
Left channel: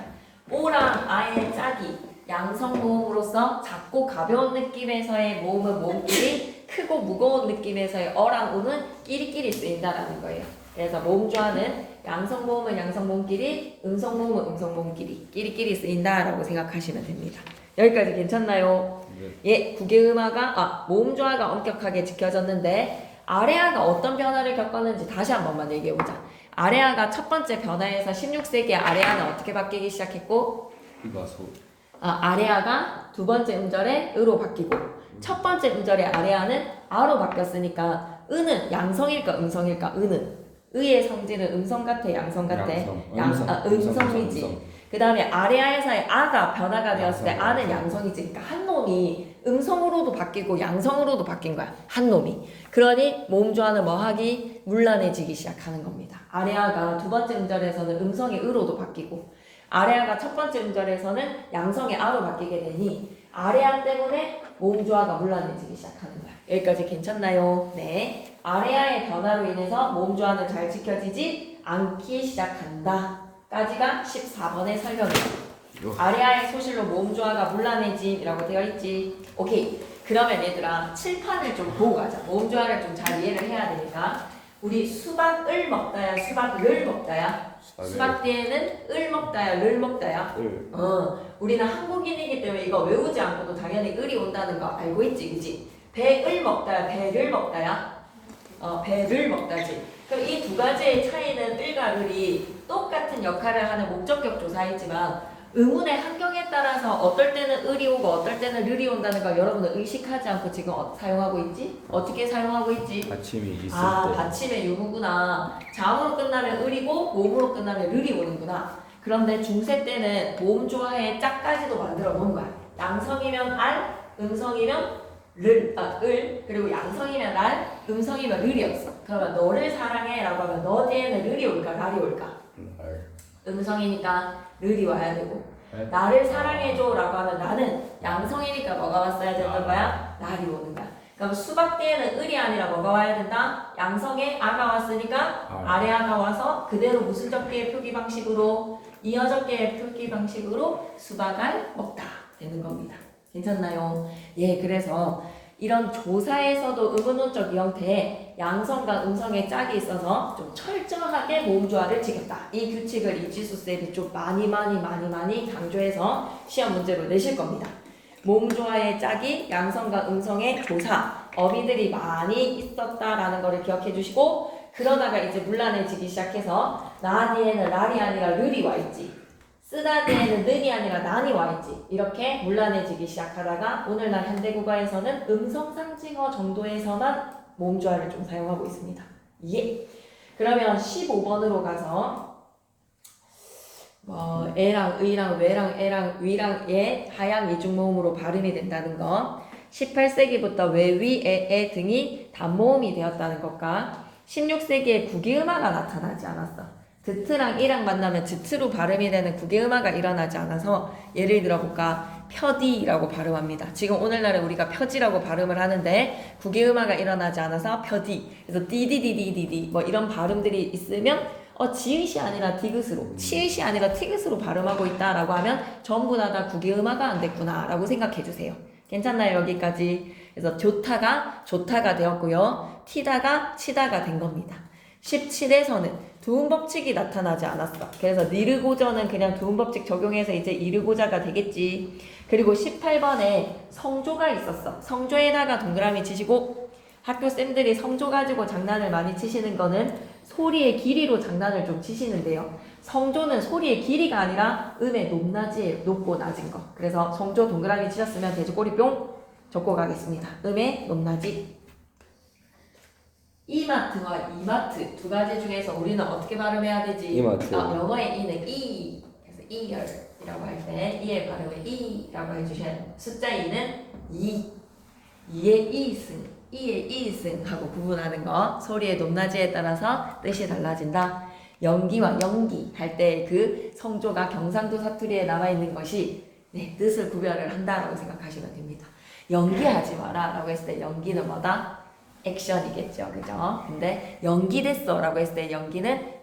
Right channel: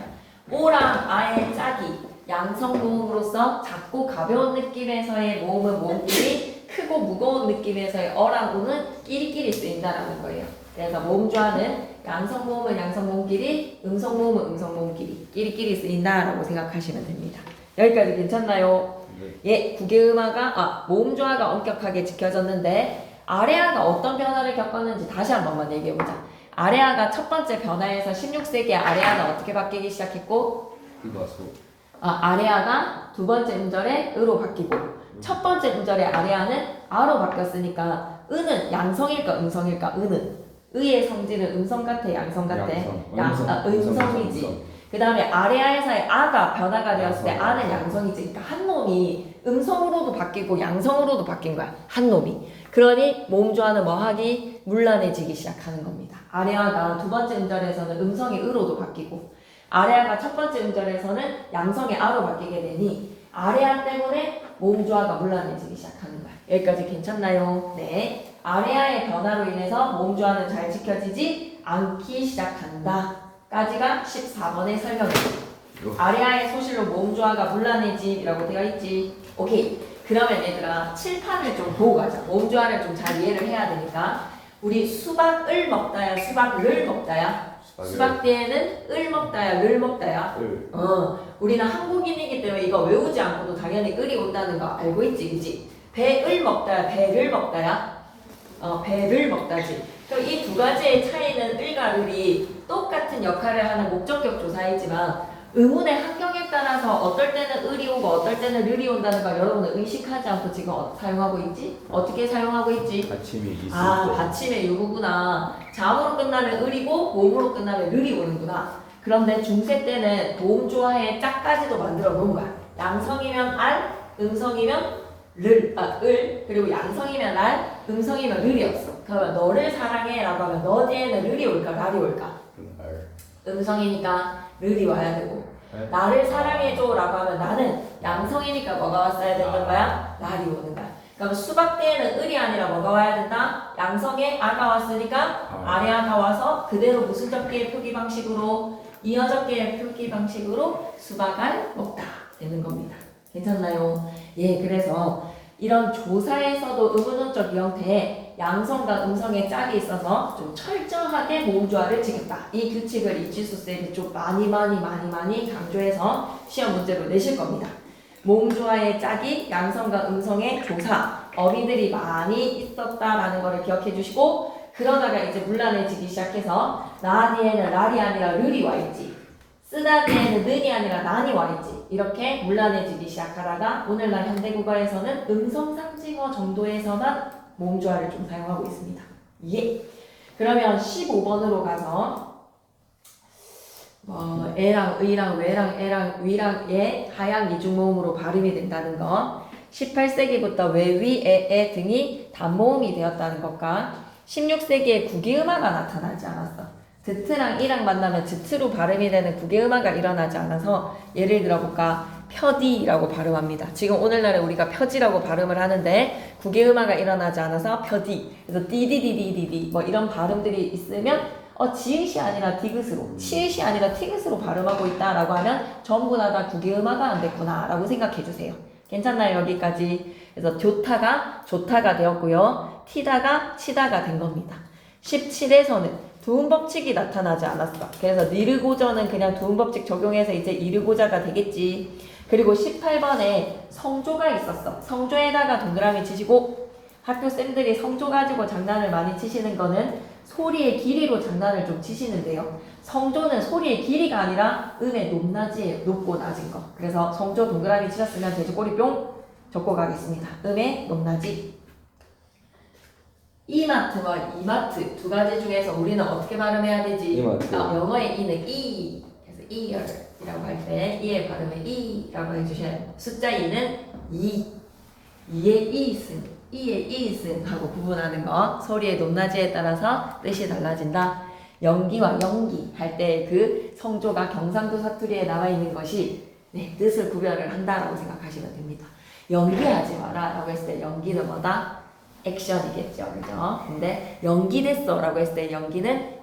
오랑 아의 짝이 양성 모음으로서 작고 가벼운 느낌에서의 모음은 모음끼리, 크고 무거운 느낌에서의 어랑 우는 끼리끼리 쓰인다라는 거예요. 그래서 모음조화는 양성 모음은 양성 모음끼리, 음성 모음은 음성 모음끼리, 끼리끼리 쓰인다라고 생각하시면 됩니다. 여기까지 괜찮나요? 예, 국외음화가 모음조화가 엄격하게 지켜졌는데 아레아가 어떤 변화를 겪었는지 다시 한 번만 얘기해보자. 아레아가 첫 번째 변화에서 16세기 아레아는 어떻게 바뀌기 시작했고 아레아가 두 번째 음절에 으로 바뀌고 첫 번째 음절에 아레아는 아로 바뀌었으니까 으는 양성일까 음성일까? 으는 의의 성질은 음성 같아 양성 같아? 음성이지. 그 다음에 아레아에서의 아가 변화가 되었을 때 아는 양성이지. 그러니까 한 놈이 음성으로도 바뀌고 양성으로도 바뀐 거야. 한 놈이. 그러니 모음조화는 뭐하기? 문란해지기 시작하는 겁니다. 아레아가 두 번째 음절에서는 음성의 으로도 바뀌고 아레아가 첫 번째 음절에서는 양성의 아로 바뀌게 되니 아레아 때문에 모음조화가 문란해지기 시작하는 거야. 여기까지 괜찮나요? 네. 아레아의 변화로 인해서 모음조화는 잘 지켜지지 않기 시작한다. 까지가 14번의 설명이지. 아레아의 소실로 모음조화가 문란해짐이라고 되어 있지. 오케이. 그러면 얘들아 칠판을 좀 보고 가자. 모음조화를 좀 잘 이해를 해야 되니까 우리 수박을 먹다야 수박을 먹다야? 수박 뒤에는 을 먹다야 를 먹다야? 우리는 한국인이기 때문에 이거 외우지 않고도 당연히 을이 온다는 거 알고 있지 그지? 배을 먹다야, 배를 먹다야? 배를 먹다지. 그럼 이 두 가지의 차이는 을과 을이 똑같은 역할을 하는 목적격 조사이지만 의문의 환경에 따라서 어떨 때는 을이 오고 어떨 때는 을이 온다는 걸 여러분은 의식하지 않고 지금 사용하고 있지? 어떻게 사용하고 있지? 받침이 있을 때. 받침의 유무구나. 자음으로 끝나면 을이고 모음으로 끝나면 을이 오는구나. 그런데 중세 때는 모음주어의 짝까지도 만들어 놓은 거야. 양성이면 알, 음성이면 을, 그리고 양성이면 날, 음성이면 을이었어. 그러면 너를 사랑해라고 하면 너 뒤에는 을이 올까, 날이 올까? 음성이니까 을이 와야 되고, 나를 사랑해줘라고 하면 나는 양성이니까 뭐가 왔어야 되는 거야? 날이 오는 거야. 그럼 수박 때에는 을이 아니라 뭐가 와야 된다? 양성에 아가 왔으니까 아래 아가 와서 그대로 무슨 접기의 표기 방식으로 이어접기의 표기 방식으로 수박을 먹다 되는 겁니다. 괜찮나요? 예, 그래서 이런 조사에서도 의문문적 형태에 양성과 음성의 짝이 있어서 좀 철저하게 모음조화를 지켰다. 이 규칙을 이지수 쌤이 좀 많이 강조해서 시험 문제로 내실 겁니다. 모음조화의 짝이 양성과 음성의 조사, 어휘들이 많이 있었다라는 것을 기억해 주시고, 그러다가 이제 문란해지기 시작해서 나 뒤에는 날이 아니라 르이 와 있지, 쓰다 뒤에는 는이 아니라 난이 와 있지, 이렇게 문란해지기 시작하다가 오늘날 현대국어에서는 음성상징어 정도에서만 모음조화를 좀 사용하고 있습니다. 예. 그러면 15번으로 가서 애랑 의랑 외랑 애랑 위랑 예 하양 이중모음으로 발음이 된다는 거, 18세기부터 외위 애 등이 단모음이 되었다는 것과 16세기에 국이음화가 나타나지 않았어. 드트랑 이랑 만나면 드트로 발음이 되는 국이음화가 일어나지 않아서 예를 들어볼까? 표디라고 발음합니다. 지금 오늘날에 우리가 표지라고 발음을 하는데 국이음화가 일어나지 않아서 표디, 그래서 디디디디디디 뭐 이런 발음들이 있으면 지읒이 아니라 디귿으로, 치읒이 아니라 티귿으로 발음하고 있다라고 하면 전부 다 국이음화가 안 됐구나 라고 생각해 주세요. 괜찮나요? 여기까지. 그래서 좋다가 되었고요. 티다가 치다가 된 겁니다. 17에서는 두음법칙이 나타나지 않았어. 그래서 니르고저는 그냥 두음법칙 적용해서 이제 이르고자가 되겠지. 그리고 18번에 성조가 있었어. 성조에다가 동그라미 치시고, 학교 쌤들이 성조 가지고 장난을 많이 치시는 거는 소리의 길이로 장난을 좀 치시는데요. 성조는 소리의 길이가 아니라 음의 높낮이에 높고 낮은 거. 그래서 성조 동그라미 치셨으면 돼지꼬리 뿅 적고 가겠습니다. 음의 높낮이. 이마트와 이마트 두 가지 중에서 우리는 어떻게 발음해야 되지? 이마트. 영어의 이는 이, 그래서 ear이라고 할 때 이의 발음을 이라고 해주셔야 돼요. 숫자 2는 이, 이의 이슨 하고 구분하는 거. 소리의 높낮이에 따라서 뜻이 달라진다. 연기와 연기 할 때 그 성조가 경상도 사투리에 남아있는 것이 뜻을 구별을 한다라고 생각하시면 됩니다. 연기하지 마라 라고 했을 때 연기는 뭐다? 액션이겠죠. 그죠? 근데 연기됐어 라고 했을 때 연기는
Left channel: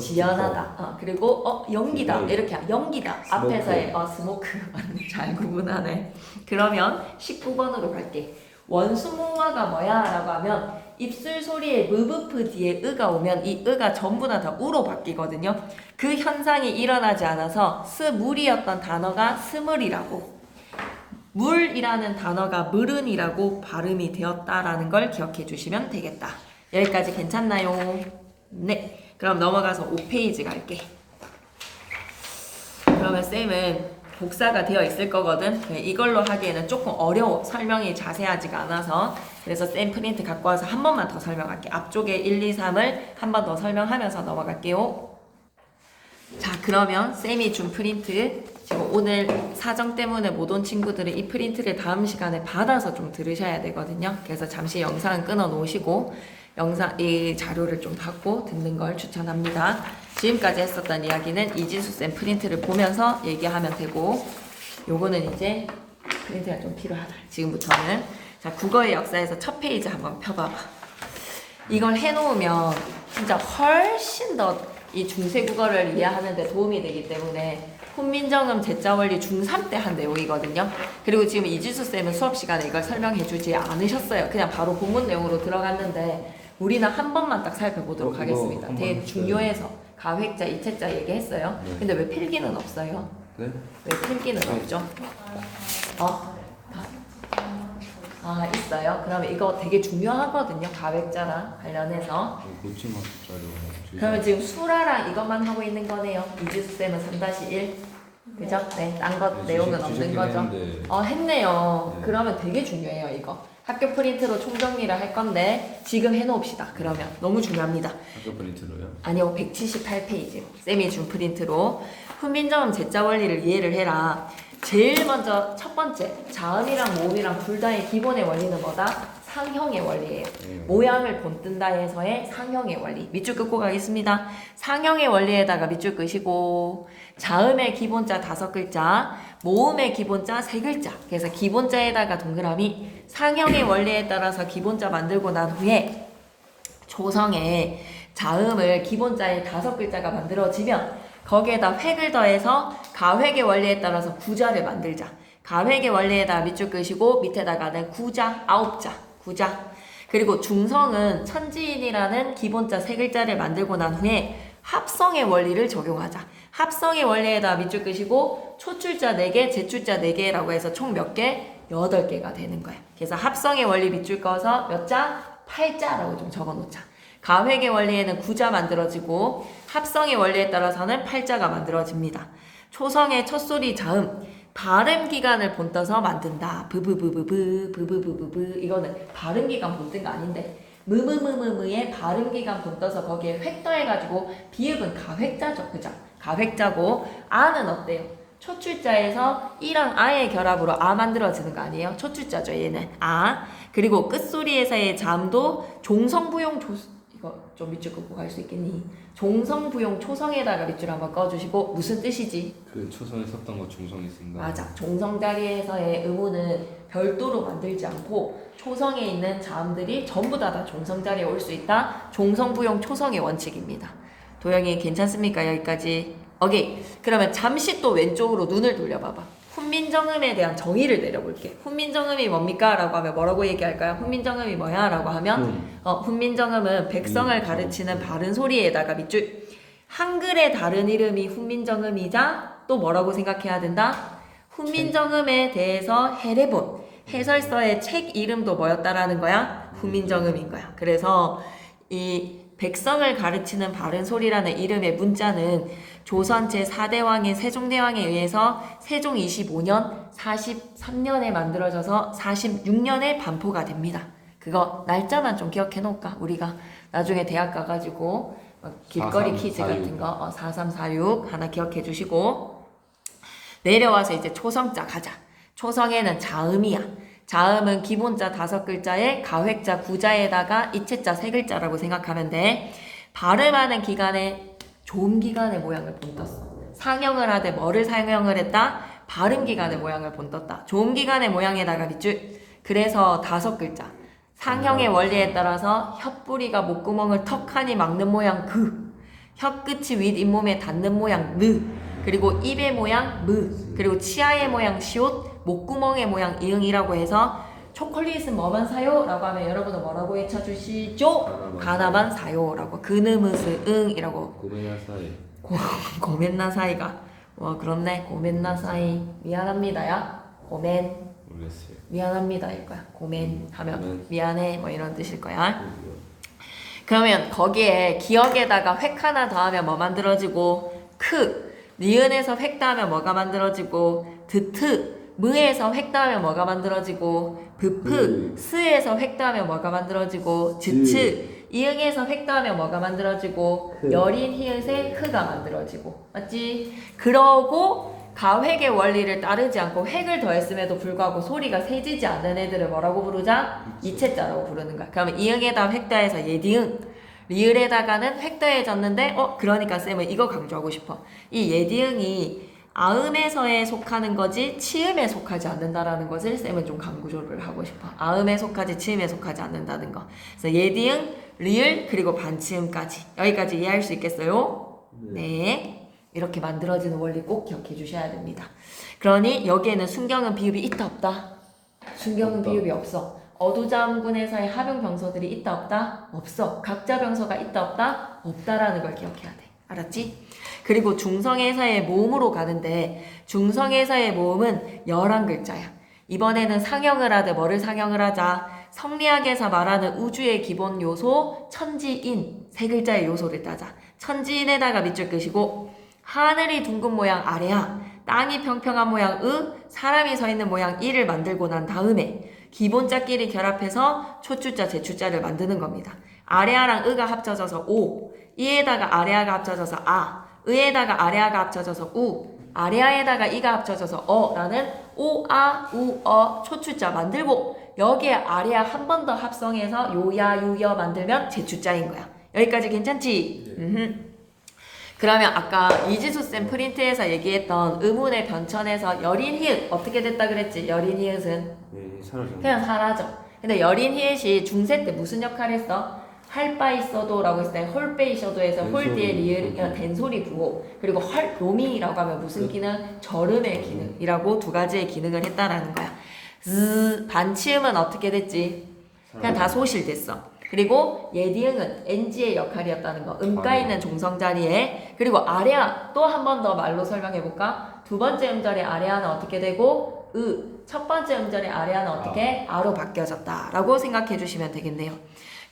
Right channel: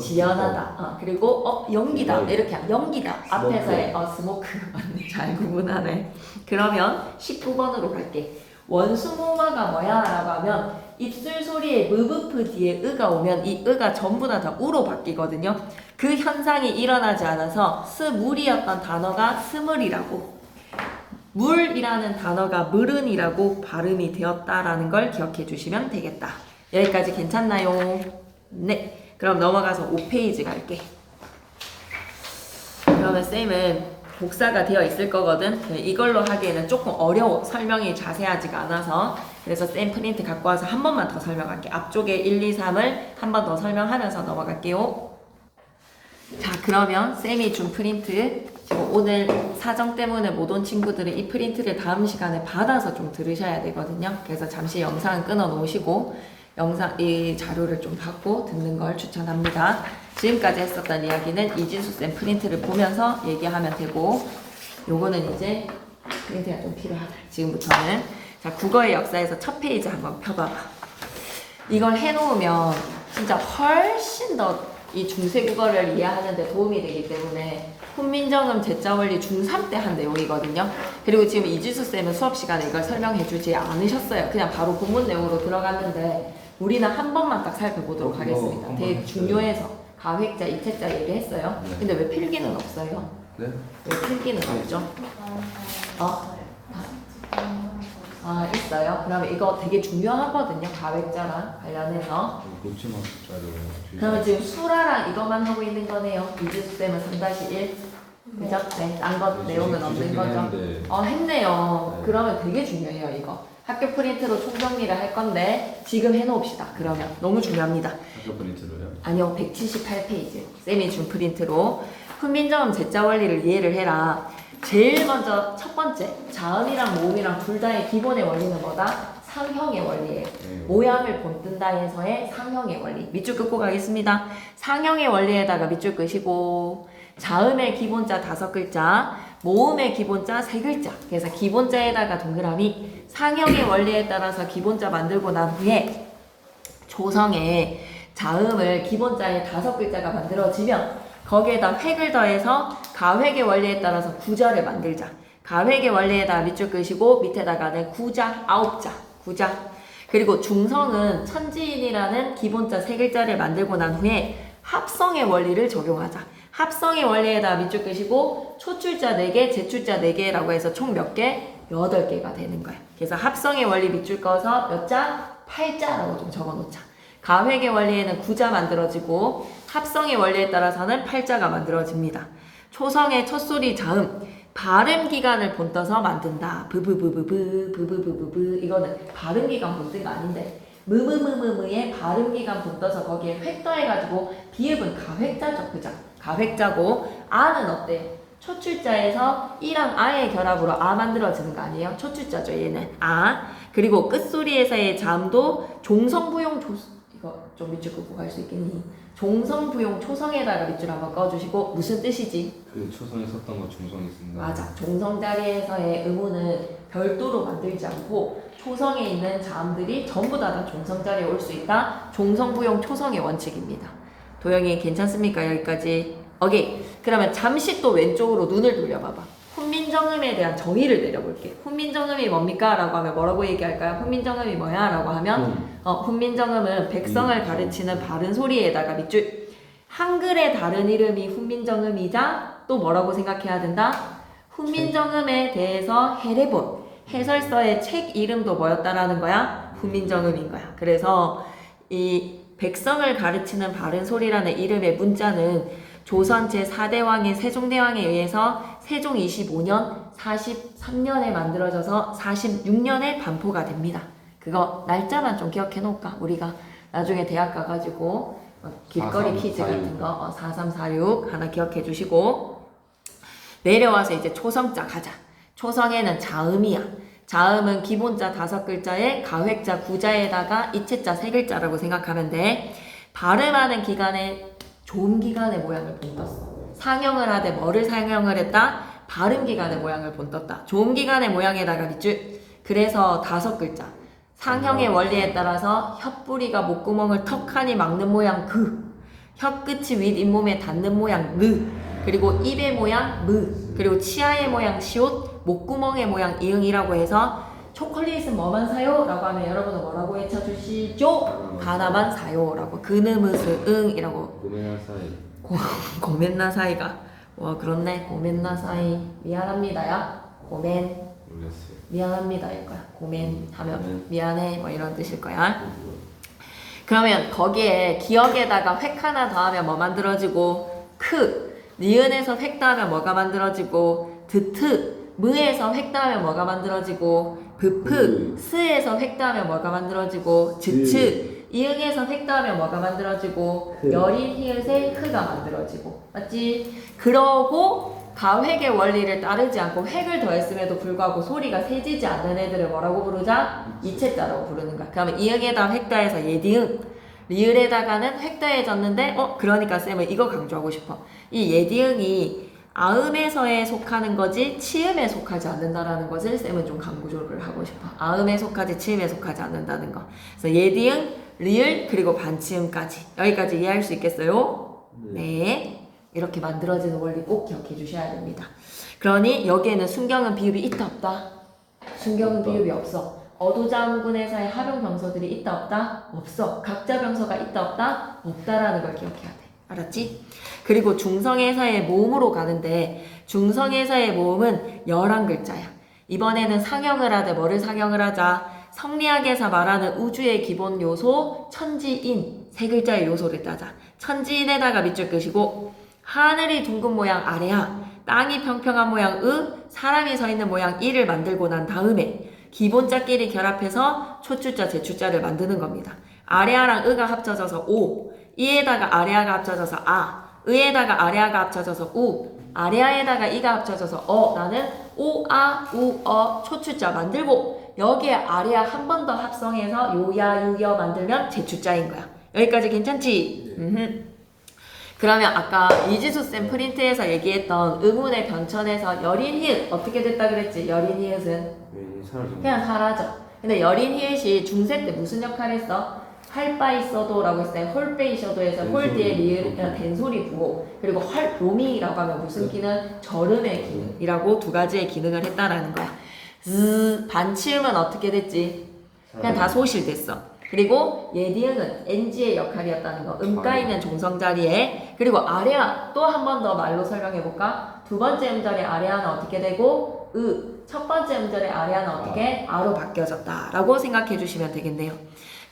지연하다. 그리고 연기다 이렇게 하면 연기다. 앞에서의 스모크 잘 구분하네. 그러면 19번으로 갈게. 원수모음화가 뭐야? 라고 하면 입술 소리에 무브프 뒤에 으가 오면 이 으가 전부 다 우로 바뀌거든요. 그 현상이 일어나지 않아서 스물이었던 단어가 스물이라고, 물이라는 단어가 물은이라고 발음이 되었다라는 걸 기억해 주시면 되겠다. 여기까지 괜찮나요? 네. 그럼 넘어가서 5페이지 갈게. 그러면 쌤은 복사가 되어 있을 거거든. 이걸로 하기에는 조금 어려워. 설명이 자세하지가 않아서. 그래서 쌤 프린트 갖고 와서 한 번만 더 설명할게. 앞쪽에 1, 2, 3을 한 번 더 설명하면서 넘어갈게요. 자, 그러면 쌤이 준 프린트, 지금 오늘 사정 때문에 못 온 친구들은 이 프린트를 다음 시간에 받아서 좀 들으셔야 되거든요. 그래서 잠시 영상 끊어 놓으시고 이 자료를 좀 받고 듣는 걸 추천합니다. 지금까지 했었던 이야기는 이지수 쌤 프린트를 보면서 얘기하면 되고, 요거는 이제 프린트가 좀 필요하다. 지금부터는. 자, 국어의 역사에서 첫 페이지 한번 펴봐봐. 이걸 해놓으면 진짜 훨씬 더 이 중세 국어를 이해하는 데 도움이 되기 때문에 훈민정음 제자원리 중3 때 한 내용이거든요. 그리고 지금 이지수 쌤은 수업 시간에 이걸 설명해 주지 않으셨어요. 그냥 바로 본문 내용으로 들어갔는데 우리는 한 번만 딱 살펴보도록 하겠습니다. 되게 중요해서 가획자, 이체자 얘기했어요. 네. 근데 왜 필기는 없어요? 네? 왜 필기는 없죠? 있어. 했어요. 그러면 이거 되게 중요하거든요. 가획자랑 관련해서. 고치마 숫자로. 그러면 지금 수라랑 이것만 하고 있는 거네요. 이지수쌤은 3-1. 그죠? 네, 딴 것 내용은 없는 거죠. 했네요. 네. 그러면 되게 중요해요, 이거. 학교 프린트로 총정리를 할 건데 지금 해놓읍시다. 그러면 너무 중요합니다. 학교 프린트로요? 아니요, 178페이지. 쌤이 준 프린트로 훈민정음 제자 원리를 이해를 해라. 제일 먼저 첫 번째, 자음이랑 모음이랑 둘 다의 기본의 원리는 뭐다? 상형의 원리예요. 네. 모양을 본뜬다에서의 상형의 원리. 밑줄 긋고 가겠습니다. 상형의 원리에다가 밑줄 끄시고, 자음의 기본자 5글자, 모음의 기본자 3글자. 그래서 기본자에다가 동그라미, 상형의 원리에 따라서 기본자 만들고 난 후에 조성에 자음을 기본자에 5글자가 만들어지면 거기에다 획을 더해서 가획의 원리에 따라서 구자를 만들자. 가획의 원리에다가 밑줄 끄시고 밑에다가는 구자 9자. 구자. 그리고 중성은 천지인이라는 기본자 3글자를 만들고 난 후에 합성의 원리를 적용하자. 합성의 원리에다가 밑줄 끄시고 초출자 4개, 제출자 4개라고 해서 총 몇 개? 8개가 되는 거야. 그래서 합성의 원리 밑줄 꺼서 몇 자? 8자라고 좀 적어놓자. 가획의 원리에는 9자 만들어지고 합성의 원리에 따라서는 8자가 만들어집니다. 초성의 첫소리 자음, 발음 기간을 본떠서 만든다. 부부부부부 부부부부부. 이거는 발음 기간 본뜬 거 아닌데 무무무무무의 발음 기간 본떠서 거기에 획 더해가지고 비읍은 가획자죠. 그죠? 가획자고 아는 어때요? 초출자에서 이랑 아의 결합으로 아 만들어지는 거 아니에요? 초출자죠. 얘는 아. 그리고 끝소리에서의 자음도 종성부용 이거 좀 밑줄 긋고 갈 수 있겠니? 종성부용 초성에다가 밑줄 한번 꺼주시고 무슨 뜻이지? 그 초성에 썼던 거 중성이 쓴다. 맞아. 종성 자리에서의 의문은 별도로 만들지 않고 초성에 있는 자음들이 전부 다 종성 자리에 올 수 있다. 종성부용 초성의 원칙입니다. 도영이 괜찮습니까? 여기까지. 오케이. 그러면 잠시 또 왼쪽으로 눈을 돌려봐봐. 훈민정음에 대한 정의를 내려볼게. 훈민정음이 뭡니까? 라고 하면 뭐라고 얘기할까요? 훈민정음이 뭐야? 라고 하면 훈민정음은 백성을 가르치는 바른 소리에다가 밑줄. 한글의 다른 이름이 훈민정음이자 또 뭐라고 생각해야 된다? 훈민정음에 대해서 해례본 해설서의 책 이름도 뭐였다라는 거야? 훈민정음인 거야. 그래서 이 백성을 가르치는 바른 소리라는 이름의 문자는 조선 제4대왕인 세종대왕에 의해서 세종 25년 43년에 만들어져서 46년에 반포가 됩니다. 그거 날짜만 좀 기억해 놓을까? 우리가 나중에 대학 가가지고 길거리 퀴즈 같은 거 4346 하나 기억해 주시고 내려와서 이제 초성자 가자. 초성에는 자음이야. 자음은 기본자 5글자에 가획자 9자에다가 이체자 3글자라고 생각하면 돼. 발음하는 기간에 조음 기간의 모양을 본떴어. 상형을 하되 뭐를 상형을 했다? 발음 기간의 모양을 본떴다. 조음 기간의 모양에다가 밑줄. 그래서 5글자. 상형의 원리에 따라서 혓뿌리가 목구멍을 턱하니 막는 모양 그. 혀끝이 윗 잇몸에 닿는 모양 느. 그리고 입의 모양 무. 그리고 치아의 모양 시옷. 목구멍의 모양 이응이라고 해서 초콜릿은 뭐만 사요? 라고 하면 여러분은 뭐라고 외쳐주시죠? 하나만 사요라고. 그느무스 응이라고. 고메나사이. 고멘나사이가 그렇네. 고멘나사이 미안합니다야. 고멘 모르겠어요. 미안합니다 이거야. 고멘 하면 미안해 뭐 이런 뜻일 거야. 그러면 거기에 기억에다가 획 하나 더하면 뭐 만들어지고 크 니은에서 획 더하면 뭐가 만들어지고 드트 무에서 획 더하면 뭐가 만들어지고 브프 스에서 획 더하면 뭐가 만들어지고 즈츠 이응에서 획 더하면 뭐가 만들어지고 여린 히읗에 흐가 만들어지고 맞지? 그러고 가획의 원리를 따르지 않고 획을 더했음에도 불구하고 소리가 세지지 않는 애들을 뭐라고 부르자? 이체자라고 부르는 거야. 그러면 이응에다 획 더해서 예디응 리을에다가는 획 더해졌는데 그러니까 쌤은 이거 강조하고 싶어. 이 예디응이 아음에서에 속하는 거지 치음에 속하지 않는다라는 것을 쌤은 좀 강조를 하고 싶어. 아음에 속하지 치음에 속하지 않는다는 거. 그래서 예디응, 리을 그리고 반치음까지 여기까지 이해할 수 있겠어요? 네. 이렇게 만들어지는 원리 꼭 기억해 주셔야 됩니다. 그러니 여기에는 순경은 비읍이 있다 없다? 순경은 비읍이 없어. 어두자음군에서의 합용 병서들이 있다 없다? 없어. 각자 병서가 있다 없다? 없다라는 걸 기억해야 돼. 알았지? 그리고 중성에서의 모음으로 가는데 중성에서의 모음은 11글자야. 이번에는 상형을 하되 뭐를 상형을 하자? 성리학에서 말하는 우주의 기본 요소 천지인 세 글자의 요소를 따자. 천지인에다가 밑줄 끄시고 하늘이 둥근 모양 아래야, 땅이 평평한 모양 사람이 서 있는 모양 이를 만들고 난 다음에 기본자끼리 결합해서 초출자 제출자를 만드는 겁니다. 아래아랑 으가 합쳐져서 오, 이에다가 아래아가 합쳐져서 아, 의에다가 아래아가 합쳐져서 우, 아래아에다가 이가 합쳐져서 어라는 오, 아, 우, 어 초출자 만들고 여기에 아래아 한 번 더 합성해서 요야, 유여 만들면 제출자인 거야. 여기까지 괜찮지? 그러면 아까 이지수쌤 프린트에서 얘기했던 의문의 변천에서 여린 히읗 어떻게 됐다 그랬지? 여린 히읗은 네, 사라져. 그냥 사라져. 근데 여린 히읗이 중세 때 무슨 역할 했어? 할 바 있어도 라고 했을 때 홀빼 있어도에서 홀 뒤에 리을 된소리 부호, 그리고 로미라고 하면 무슨 기능? 절음의 기능이라고 두 가지의 기능을 했다라는 거야. 반치음은 어떻게 됐지? 그냥 다 소실됐어. 그리고 예디응은 NG의 역할이었다는 거. 음가 있는 종성 자리에. 그리고 아래아 또 한 번 더 말로 설명해 볼까? 두 번째 음절의 아래아는 어떻게 되고 첫 번째 음절의 아래아는 어떻게 아로 바뀌어졌다라고 생각해 주시면 되겠네요.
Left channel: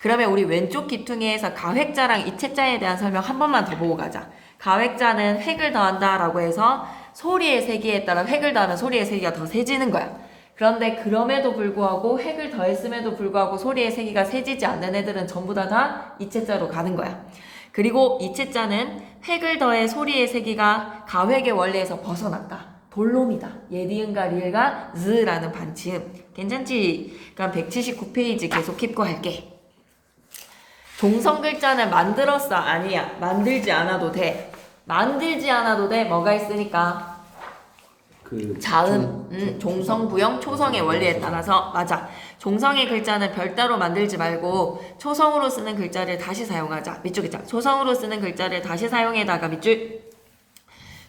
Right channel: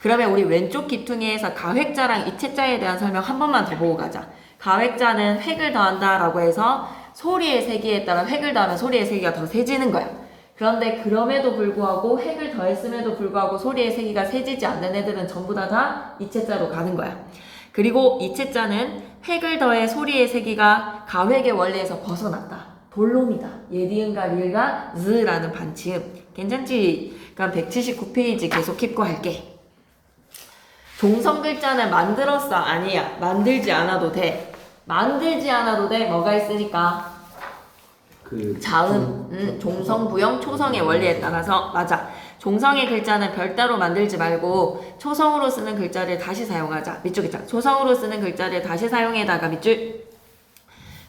그러면 우리 왼쪽 기퉁이에서 가획자랑 이체자에 대한 설명 한 번만 더 보고 가자. 가획자는 획을 더한다라고 해서 소리의 세기에 따라 획을 더하면 소리의 세기가 더 세지는 거야. 그런데 그럼에도 불구하고 획을 더했음에도 불구하고 소리의 세기가 세지지 않는 애들은 전부 다 이체자로 가는 거야. 그리고 이체자는 획을 더해 소리의 세기가 가획의 원리에서 벗어났다. 본론이다. 예디은과 리을과 즈라는 반치음. 괜찮지? 그럼 179페이지 계속 킵고 할게. 종성 글자는 만들었어? 아니야. 만들지 않아도 돼. 만들지 않아도 돼. 뭐가 있으니까? 자음, 종성, 부영, 초성의 원리에 따라서 맞아. 종성의 글자는 별따로 만들지 말고 초성으로 쓰는 글자를 다시 사용하자. 밑줄 글자. 초성으로 쓰는 글자를 다시 사용해다가 밑줄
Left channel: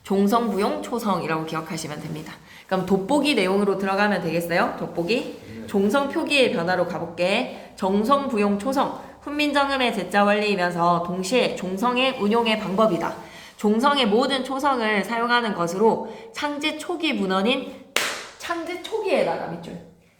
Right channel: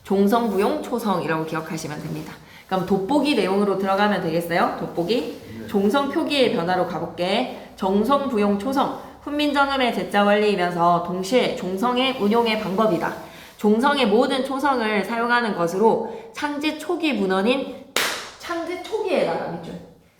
종성, 부용, 초성이라고 기억하시면 됩니다. 그럼 돋보기 내용으로 들어가면 되겠어요? 돋보기. 종성 표기의 변화로 가볼게. 정성, 부용, 초성. 훈민정음의 제자 원리이면서 동시에 종성의 운용의 방법이다. 종성의 모든 초성을 사용하는 것으로 창제 초기 문헌인 창제 초기에다가 밑줄.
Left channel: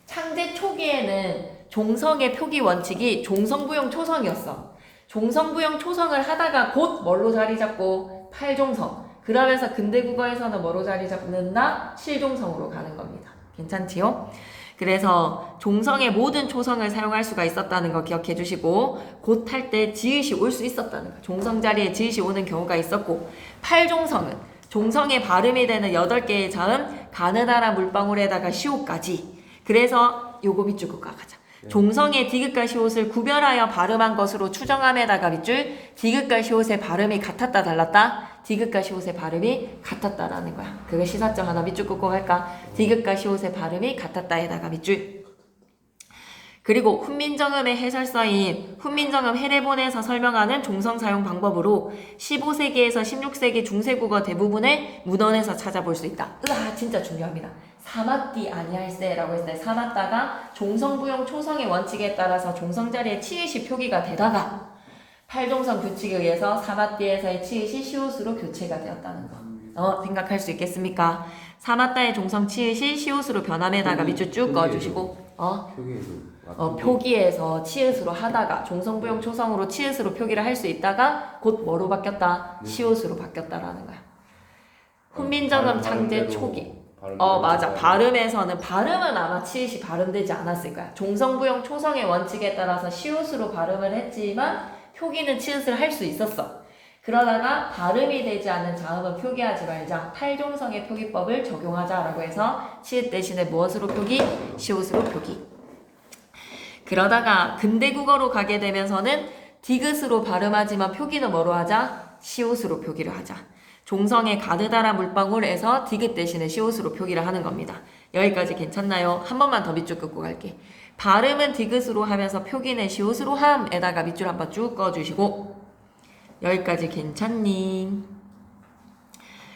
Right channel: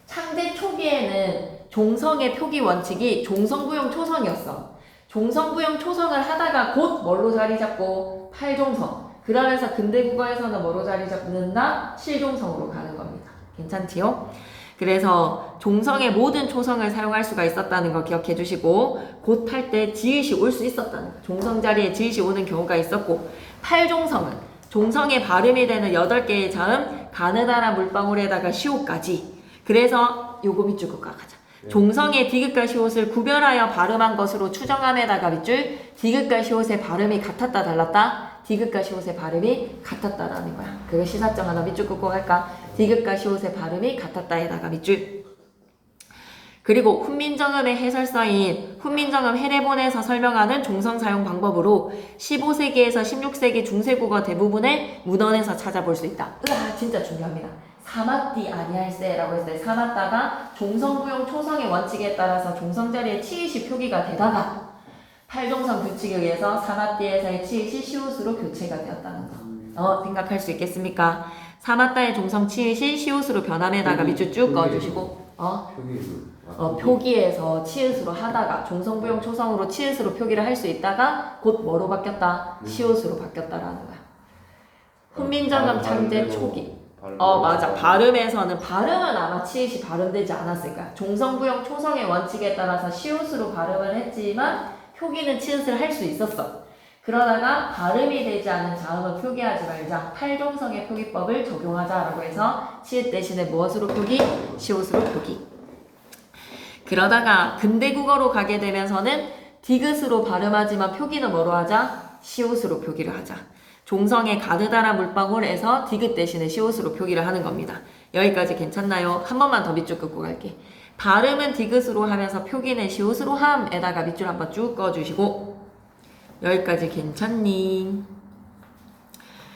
창제 초기에는 종성의 표기 원칙이 종성부용 초성이었어. 종성부용 초성을 하다가 곧 뭘로 자리 잡고 팔종성. 그러면서 근대국어에서는 뭐로 자리 잡는다? 실종성으로 가는 겁니다. 괜찮지요? 그래서 종성의 모든 초성을 사용할 수가 있었다는 거 기억해 주시고 곧 할 때 지읒이 올 수 있었다는 거. 종성 자리에 지읒이 오는 경우가 있었고 팔종성은 종성의 발음이 되는 8개의 자음 가느다란 물방울에다가 시옷까지. 그래서 요거 밑줄 긋고 가자. 종성의 디귿과 시옷을 구별하여 발음한 것으로 추정함에다가 밑줄 디귿과 시옷의 발음이 같았다 달랐다. 디귿과 시옷의 발음이 같았다라는 거야. 그거 시사점 하나 밑줄 긋고 할까? 디귿과 시옷의 발음이 같았다에다가 밑줄. 그리고 훈민정음의 해설서인 훈민정음 해례본에서 설명하는 종성 사용 방법으로 15세기에서 16세기 중세국어 대부분의 문헌에서 찾아볼 수 있다. 으아, 진짜 중요합니다. 사맞디 아니할세라고 했을 때 사맞다가 종성부용 초성의 원칙에 따라서 종성 자리에 치읓이 표기가 되다가 팔종성 규칙에 의해서 사맞디에서의 치읓이 시옷으로 교체가 되었다는 거. 생각할 수 있겠습니까? 사맞다의 종성 치읓이 시옷으로 변함에다가 밑줄 쭉 그어주시고 표기에서 치읓으로 하다가 종성부용 초성으로 치읓으로 표기를 할 수 있다가 곧 뭐로 바뀌었다? 시옷으로 바뀌었다라는 거야. 훈민정음 창제 초기. 맞아. 발음에서는 발음은 아마 치읓이 발음되지 않았을 거야. 종성부용 초성의 원칙에 따라서 시옷으로 발음을 했지만 표기는 치읓을 할 수 있었어. 그러다가 발음이 되지 않는 자음은 표기하지 말자. 팔종성의 표기법을 적용하자라고 해서 치읓 대신에 무엇으로 표기? 시옷으로 표기. 그러다가 근대국어로 가게 되면서는 디귿으로 발음하지만 표기는 뭐로 하자? 시옷으로 표기를 하자. 종성의 가느다란 물방울에서 디귿 대신에 시옷으로 표기를 하는 겁니다. 여기까지 괜찮나요? 한 번만 더 밑줄 긋고 갈게. 발음은 디귿으로 하면서 표기는 시옷으로 함에다가 밑줄 한번 쭉 그어주시고 여기까지 괜찮니?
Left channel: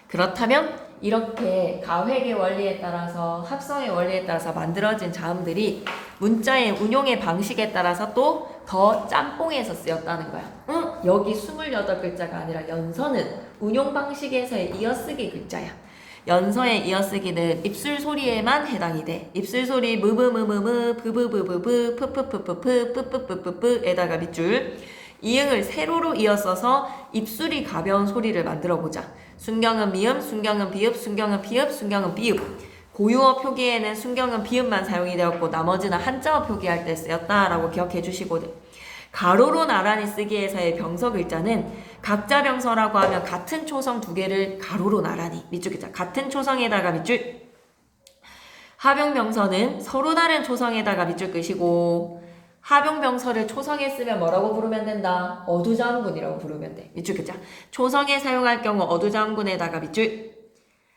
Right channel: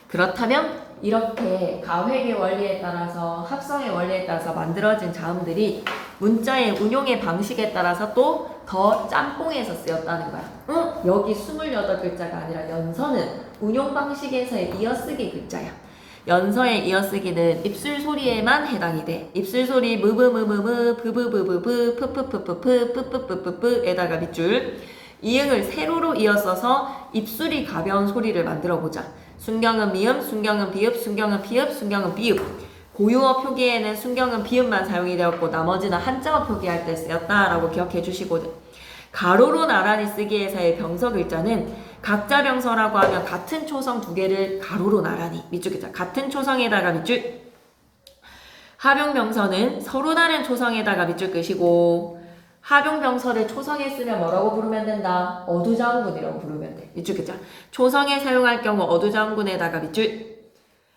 그렇다면 이렇게 가획의 원리에 따라서 합성의 원리에 따라서 만들어진 자음들이 문자의 운용의 방식에 따라서 또 더 짬뽕해서 쓰였다는 거야. 여기 28글자가 아니라 연서는 운용 방식에서의 이어쓰기 글자야. 연서에 이어쓰기는 입술 소리에만 해당이 돼. 입술 소리 무브무무무 부부부부부 푸푸푸푸푸 뿌뿌뿌뿌뿌에다가 밑줄. 이응을 세로로 이어써서 입술이 가벼운 소리를 만들어 보자. 순경은 미음, 순경은 비읍, 순경은 피읍, 순경은 비읍. 고유어 표기에는 순경은 비읍만 사용이 되었고 나머지는 한자어 표기할 때 쓰였다라고 기억해 주시고, 가로로 나란히 쓰기에서의 병서 글자는 각자 병서라고 하면 같은 초성 두 개를 가로로 나란히 밑줄 글자 같은 초성에다가 밑줄. 하병 병서는 서로 다른 초성에다가 밑줄 끄시고, 하병 병서를 초성에 쓰면 뭐라고 부르면 된다? 어두자음군이라고 부르면 돼. 밑줄 글자. 초성에 사용할 경우 어두자음군에다가 밑줄.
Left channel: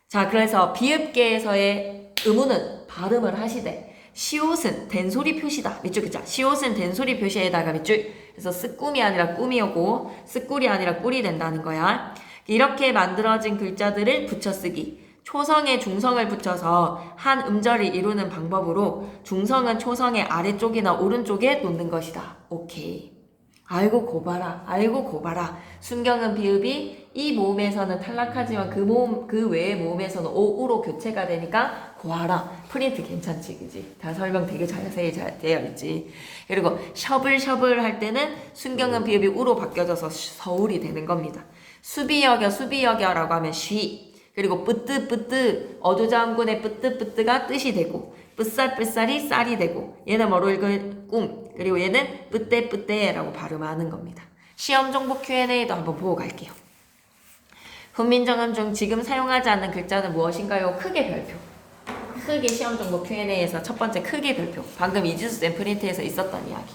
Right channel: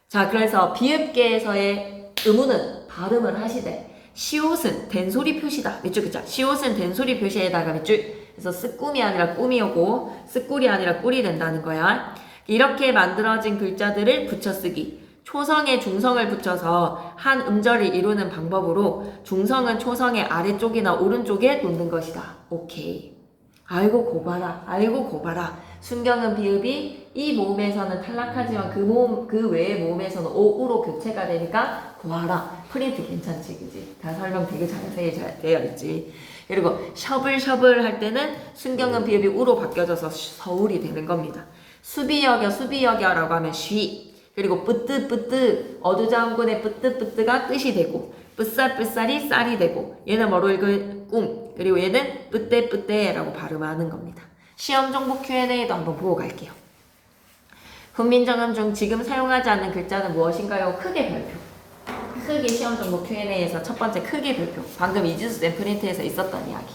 자, 그래서 비읍계에서의 의문은 발음을 하시되, 시옷은 된소리 표시다. 밑줄 글자. 시옷은 된소리 표시에다가 밑줄. 그래서 쓰꿈이 아니라 꿈이오고 쓰꿀이 아니라 꿀이 된다는 거야. 이렇게 만들어진 글자들을 붙여쓰기. 초성에 중성을 붙여서 한 음절을 이루는 방법으로 중성은 초성의 아래쪽이나 오른쪽에 놓는 것이다. 오케이. 알고 고봐라. 알고 고봐라. 순경은 비읍이 이 모음에서는 탈락하지만 그 외의 모음에서는 오우로 교체가 되니까 고하라. 프린트 괜찮지, 그지? 다 설명 되게 자세히 잘 되어 있지. 그리고 셔블셔블 할 때는 순경은 비읍이 우로 바뀌어져서 서울이 되는 겁니다. 수비여겨라고 하면 쉬. 그리고 뿌뜨뿌뜨 어두자음군의 뿌뜨뿌뜨가 뜻이 되고, 뿌쌀뿌쌀이 쌀이 되고, 얘는 뭐로 읽을 꿈. 그리고 얘는 뿌떼뿌떼라고 발음하는 겁니다. 시험 정보 Q&A도 한번 보고 갈게요. 훈민정음 중 지금 사용하지 않는 글자는 무엇인가요? 크게 별표. 크게 시험 정보 Q&A에서 첫 번째 크게 별표. 방금 이지수 쌤 프린트에서 있었던 이야기.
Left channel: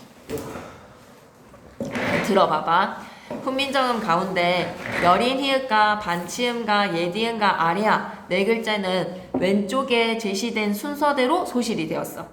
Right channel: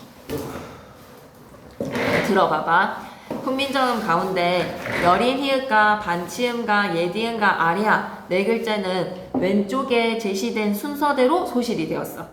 들어봐봐. 훈민정음 가운데 여린 히읗과 반치음과 예디음과 아래아 네 글자는 왼쪽에 제시된 순서대로 소실이 되었어.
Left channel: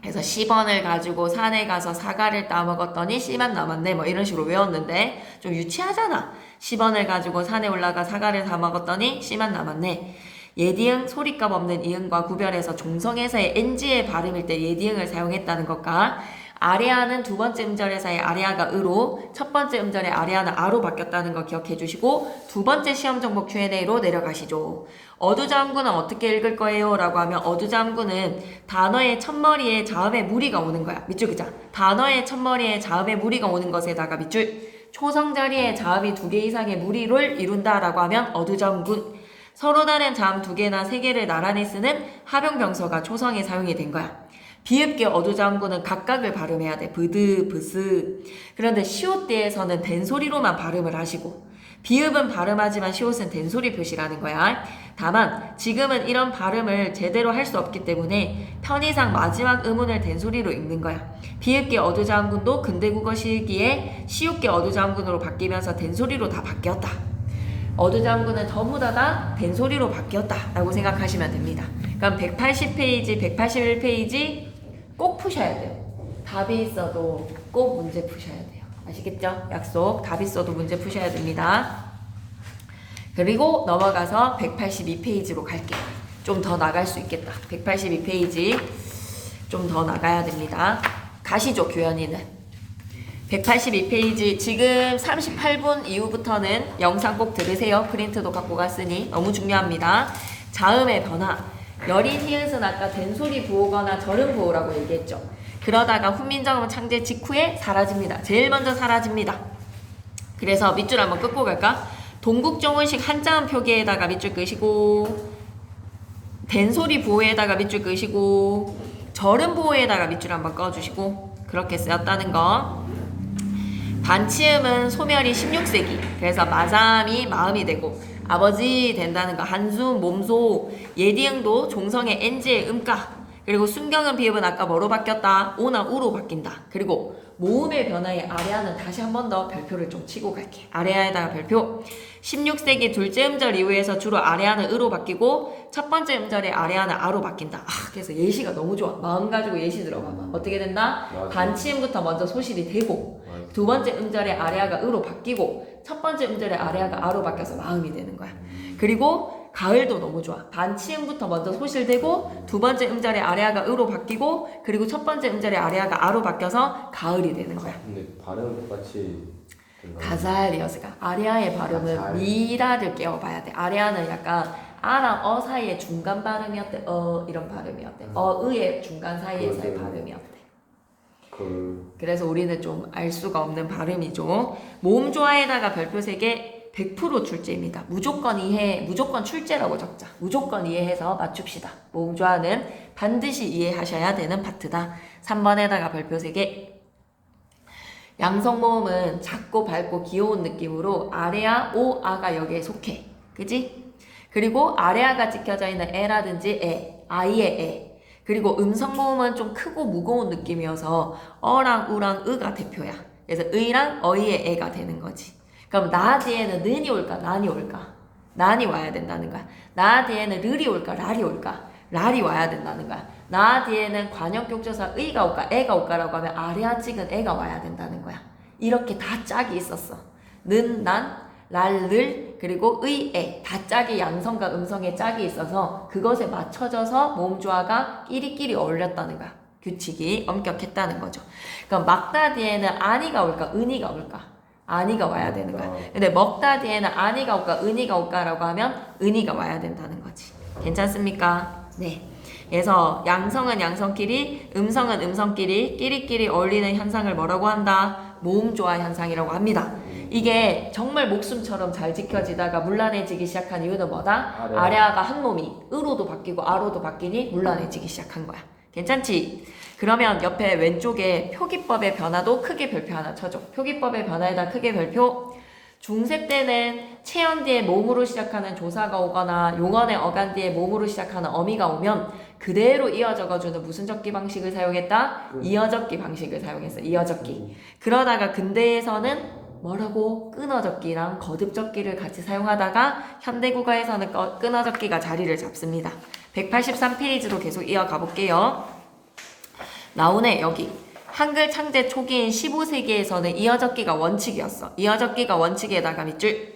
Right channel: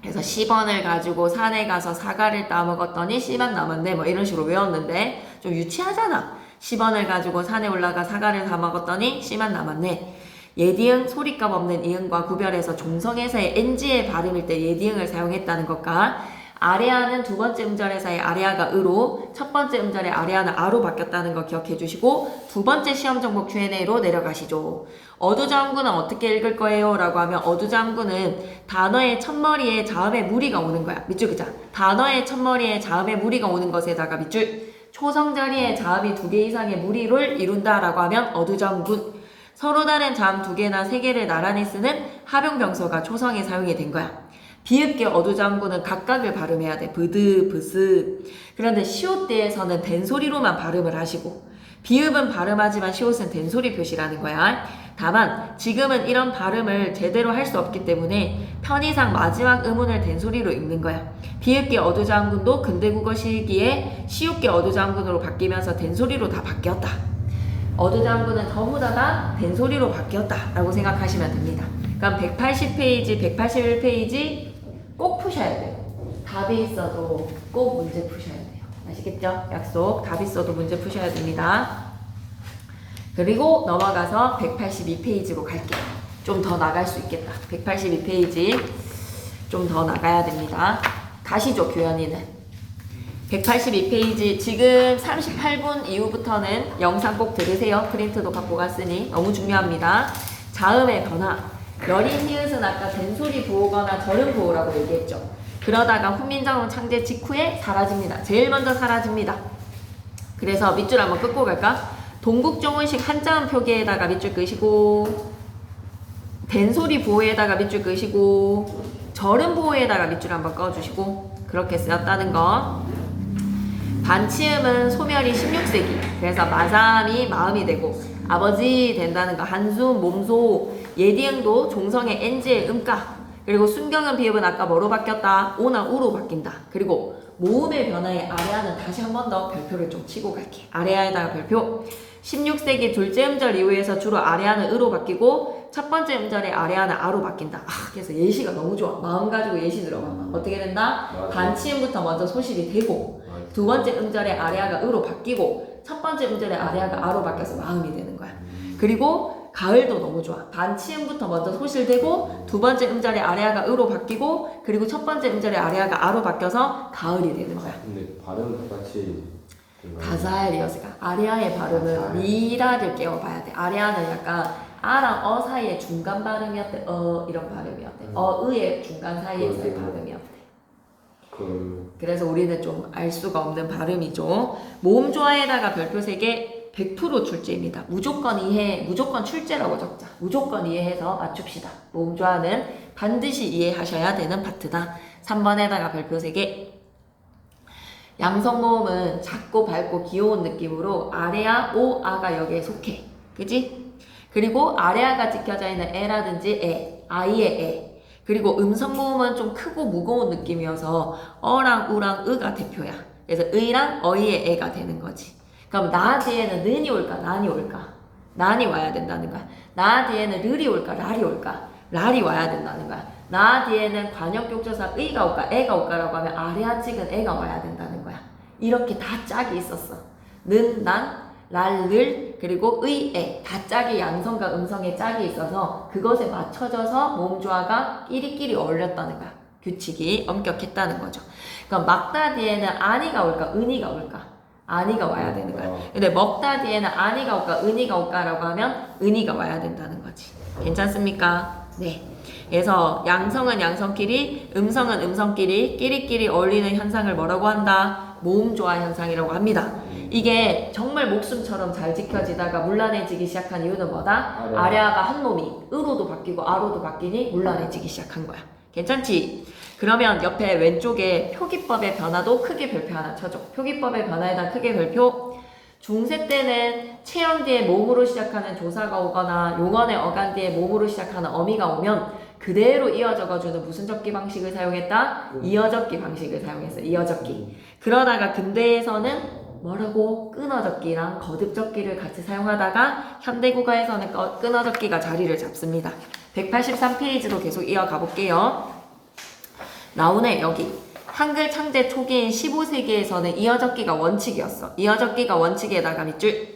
그래서 10원을 가지고 산에 가서 사과를 따먹었더니 씨만 남았네, 뭐 이런 식으로 외웠는데 좀 유치하잖아. 10원을 가지고 산에 올라가 사과를 다 먹었더니 씨만 남았네. 예디응 소리값 없는 이응과 구별해서 종성에서의 NG의 발음일 때 예디응을 사용했다는 것과, 아래아는 두 번째 음절에서의 아래아가 으로, 첫 번째 음절의 아래아는 아로 바뀌었다는 거 기억해 주시고, 두 번째 시험 정보 Q&A로 내려가시죠. 어두자음구는 어떻게 읽을 거예요? 라고 하면 어두자음구는 단어의 첫머리에 자음의 무리가 오는 거야. 밑줄 그자. 단어의 첫머리에 자음의 무리가 오는 것에다가 밑줄. 초성 자리에 자음이 두 개 이상의 무리를 이룬다라고 하면 어두자음군. 서로 다른 자음 두 개나 세 개를 나란히 쓰는 하병병서가 초성에 사용이 된 거야. 비읍계 어두자음구는 각각을 발음해야 돼. 브드, 브스. 그런데 시옷대에서는 된소리로만 발음을 하시고, 비읍은 발음하지만 시옷은 된소리 표시라는 거야. 다만 지금은 이런 발음을 제대로 할 수 없기 때문에 편의상 마지막 음운을 된소리로 읽는 거야. 비읍계 어두자음군도 근대국어 시기에 시옷계 어두자음군으로 바뀌면서 된소리로 다 바뀌었다. 어두자음군은 전부 다 된소리로 바뀌었다 라고 생각하시면 됩니다. 그럼 180페이지, 181페이지 꼭 푸셔야 돼요. 답이 있어도 꼭 문제 푸셔야 돼요. 아시겠죠? 약속. 답이 있어도 문제 푸셔야 됩니다. 그리고 넘어가서 182페이지로 갈게요. 좀 더 나갈 수 있겠다. 182페이지 좀 더 나가야 됩니다. 가시죠, 교연이는. 182페이지 지금 38분 이후부터는 영상 꼭 들으세요. 프린트도 갖고 갔으니 너무 중요합니다. 자음의 변화. 여린 히읗은 아까 된소리 부호거나 절음 부호라고 얘기했죠. 그러다가 훈민정음 창제 직후에 사라집니다. 제일 먼저 사라집니다. 그래서 밑줄 한번 끄고 갈까? 동국정원식 한자음 표기에다가 밑줄 끄시고, 된소리 부호에다가 밑줄 끄시고, 절음 부호에다가 밑줄 한번 꺼주시고, 그렇게 쓰였다는 거. 반치음은 소멸이 16세기. 그래서 마삼이 마음이 되고 아버지 된다는 거. 한숨, 몸소, 예디응도 종성의 NG의 음각. 그리고 순경은 비읍은 아까 뭐로 바뀌었다? 오나 우로 바뀐다. 그리고 모음의 변화에 아래아는 다시 한 번 더 별표를 좀 치고 갈게. 아래아에다가 별표. 16세기 둘째 음절 이후에서 주로 아래아는 으로 바뀌고 첫 번째 음절에 아래아는 아로 바뀐다. 그래서 예시가 너무 좋아. 마음 가지고 예시 들어봐봐. 어떻게 된다? 반치음부터 먼저 소실이 되고, 두 번째 음절에 아래아가 으로 바뀌고, 첫 번째 음절에 아래아가 아로 바뀌어서 마음이 되는 거야. 그리고 가을도 너무 좋아. 반치음부터 먼저 소실되고, 두 번째 음절에 아래아가 으로 바뀌고, 그리고 첫 번째 음절에 아래아가 아로 바뀌어서 가을이 되는 거야. 근데 발음은 똑같이 가사의 리허설가 아리아의 발음은 미라를 깨워봐야 돼. 아리아는 약간 아랑 어 사이의 중간 발음이 어때? 어 이런 발음이 어때? 어의의 중간 사이에서의 발음이 어때? 그래서 우리는 좀 알 수가 없는 발음이죠. 모음 조화에다가 별표 3개 100% 출제입니다. 무조건 이해, 무조건 출제라고 적자. 무조건 이해해서 맞춥시다. 모음 조화는 반드시 이해하셔야 되는 파트다. 3번에다가 별표 3개. 양성 모음은 작고 밝고 귀여운 느낌으로 아래아, 오아가 여기에 속해. 그지? 그리고 아래아가 찍혀져 있는 에라든지 에, 아이의 에. 그리고 음성 모음은 좀 크고 무거운 느낌이어서 어랑 우랑 으가 대표야. 그래서 의랑 어이의 애가 되는 거지. 그럼 나 뒤에는 는이 올까 난이 올까? 난이 와야 된다는 거야. 나 뒤에는 르리 올까 랄이 올까? 랄이 와야 된다는 거야. 나 뒤에는 관역격조사 의가 올까 애가 올까라고 하면 아래아 찍은 애가 와야 된다는 거야. 이렇게 다 짝이 있었어. 는, 난, 랄, 를, 그리고 의, 애. 다 짝이 양성과 음성의 짝이 있어서 그것에 맞춰져서 모음 조화가 끼리끼리 어울렸다는 거야. 규칙이 엄격했다는 거죠. 그럼 막다 뒤에는 아니가 올까 은이가 올까? 아니가 와야 되는 거야. 근데 먹다 뒤에는 아니가 올까 은이가 올까라고 하면 은이가 와야 된다는 거지. 괜찮습니까? 네. 그래서 양성은 양성끼리, 음성은 음성끼리, 끼리끼리 어울리는 현상을 뭐라고 한다? 모음 조화 현상이라고 합니다. 이게 정말 목숨처럼 잘 지켜지다가 문란해지기 시작한 이유는 뭐다? 아래아가 한 몸이 으로도 바뀌고 아로도 바뀌니 문란해지기 시작한 거야. 괜찮지? 그러면 옆에 왼쪽에 표기법의 변화도 크게 별표 하나 쳐줘. 표기법의 변화에다 크게 별표. 중세 때는 체언 뒤에 모음으로 시작하는 조사가 오거나 용언의 어간 뒤에 모음으로 시작하는 어미가 오면 그대로 이어적어주는 무슨 적기 방식을 사용했다? 이어적기 방식을 사용했어. 이어적기. 그러다가 근대에서는 뭐라고? 끊어적기랑 거듭적기를 같이 사용하다가 현대국어에서는 끊어적기가 자리를 잡습니다. 183페이지로 계속 이어가 볼게요. 나오네 여기. 한글 창제 초기인 15세기에서는 이어적기가 원칙이었어. 이어적기가 원칙에다가 밑줄.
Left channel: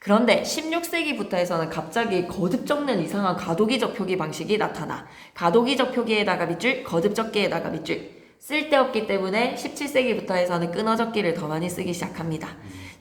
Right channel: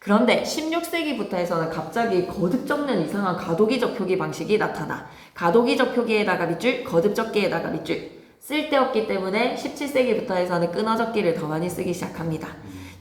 그런데 16세기부터 해서는 갑자기 거듭 적는 이상한 가도기적 표기 방식이 나타나. 가도기적 표기에다가 밑줄, 거듭적기에다가 밑줄. 쓸데없기 때문에 17세기부터 해서는 끊어적기를 더 많이 쓰기 시작합니다.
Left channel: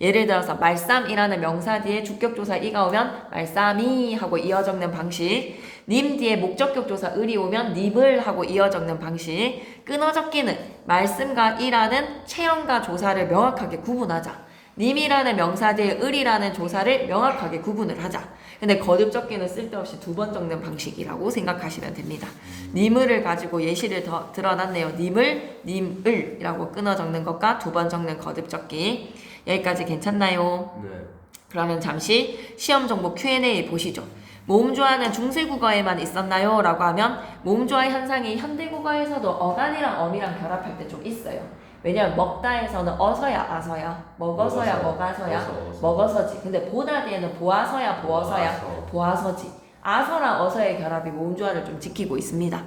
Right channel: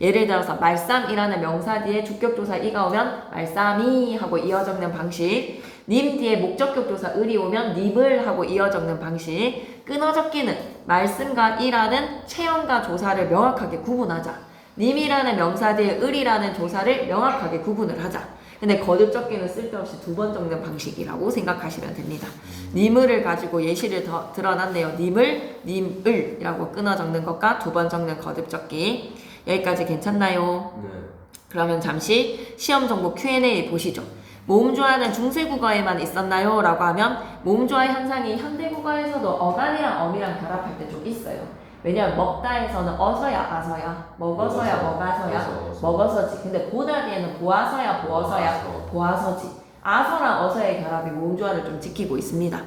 예를 들어서 말쌈이라는 명사 뒤에 주격조사 이가 오면 말쌈이 하고 이어 적는 방식, 님 뒤에 목적격조사 을이 오면 닙을 하고 이어 적는 방식. 끊어적기는 말씀과 이라는 체형과 조사를 명확하게 구분하자. 님이라는 명사 뒤에 을이라는 조사를 명확하게 구분을 하자. 근데 거듭적기는 쓸데없이 2번 적는 방식이라고 생각하시면 됩니다. 님을을 가지고 예시를 더 드러났네요. 님을, 님을이라고 끊어 적는 것과 2번 적는 거듭적기. 여기까지 괜찮나요? 네. 그러면 잠시 시험 정보 Q&A 보시죠. 모음조화는 중세국어에만 있었나요? 라고 하면 모음조화 현상이 현대국어에서도 어간이랑 어미랑 결합할 때 좀 있어요. 왜냐면 먹다에서는 어서야 아서야, 먹어서야 먹어서야, 먹어서지. 근데 보다 뒤에는 보아서야 보어서야, 보아서지. 아서랑 어서의 결합이 모음조화를 좀 지키고 있습니다.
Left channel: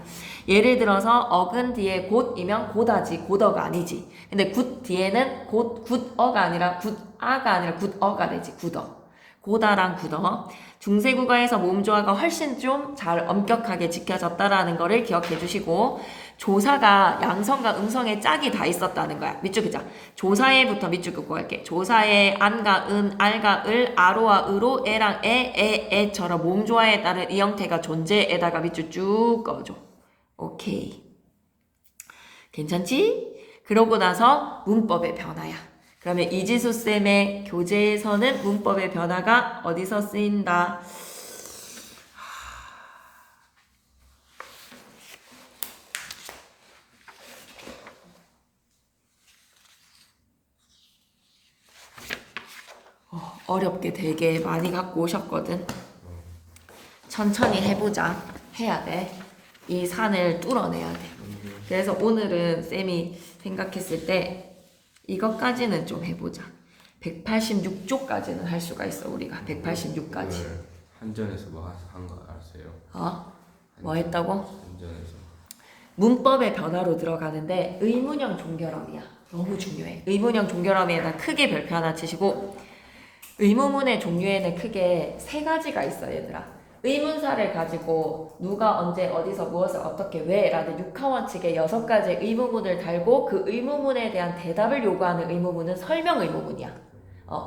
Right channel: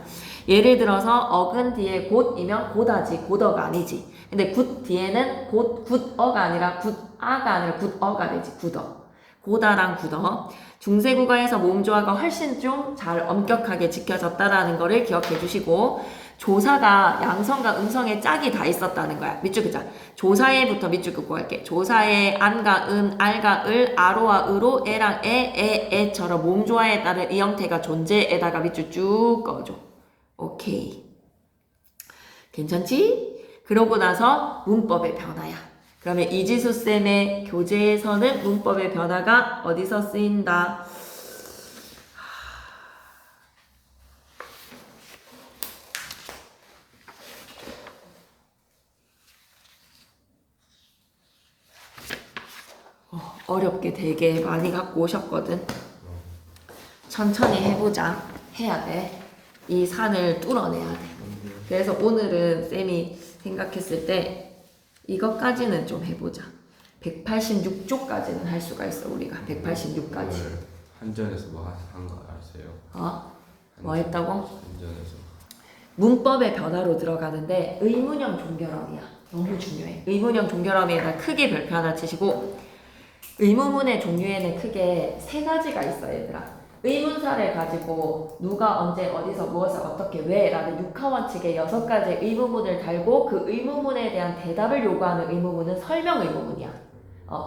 예를 들어서 어근 뒤에 곧이면 곧하지, 곧어가 아니지. 근데 굿 뒤에는 굿어가 아니라 굿아가 아니라 굿어가 되지, 굿어. 고다랑 굿어. 중세국어에서 모음조화가 훨씬 좀 잘 엄격하게 지켜졌다라는 거를 기억해 주시고, 조사가 양성과 음성의 짝이 다 있었다는 거야. 밑줄 그자. 조사에부터 밑줄 긋고 갈게. 조사에 안과 은, 알과 을, 아로와 으로, 에랑 에처럼 모음조화에 따른 이 형태가 존재에다가 밑줄 쭉 꺼줘. 오케이. 괜찮지? 그러고 나서 문법의 변화야. 그러면 이지수쌤의 교재에서는 문법의 변화가 어디서 쓰인다? 어렵게 되게 많이 갖고 오셨거든. 천천히 해보자. 해야 돼. 이 산을 뚫어내야 돼. 그래서 오늘은 쌤이 생각했을 때 이것까지는 좀 해보자. 186조까지는 할 수가 있어. 우리가 186까지. 한전에서 뭐 한 거 아세요? 어? 뭐 했다고? 한전에서 문법의 변화로 들어가는데 의문형 종결어이야. 너무 중요해. 의문형 종결어에다 크게 별표 하나 치시고, 의문문의 종류에는 크게 3가지가 있어 얘들아. 의문사를 가지고 누가 언제 어디서 무엇을 어떻게 왜 라는 육하원칙의 6가지 의문문을 달고 그 의문문에 대한 대답을 요구하는 의문문은 설명 의문문이야.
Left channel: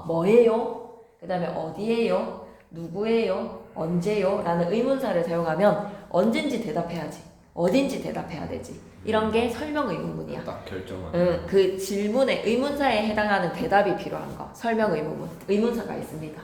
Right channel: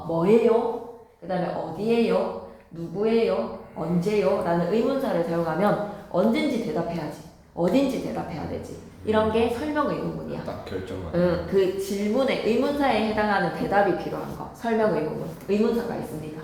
뭐예요? 그 다음에 어디예요? 누구예요? 언제요? 라는 의문사를 사용하면 언젠지 대답해야지. 어딘지 대답해야 되지. 이런 게 설명 의문문이야. 딱 결정만. 그 질문의 의문사에 해당하는 대답이 필요한 거. 설명 의문문. 의문사가 있습니다.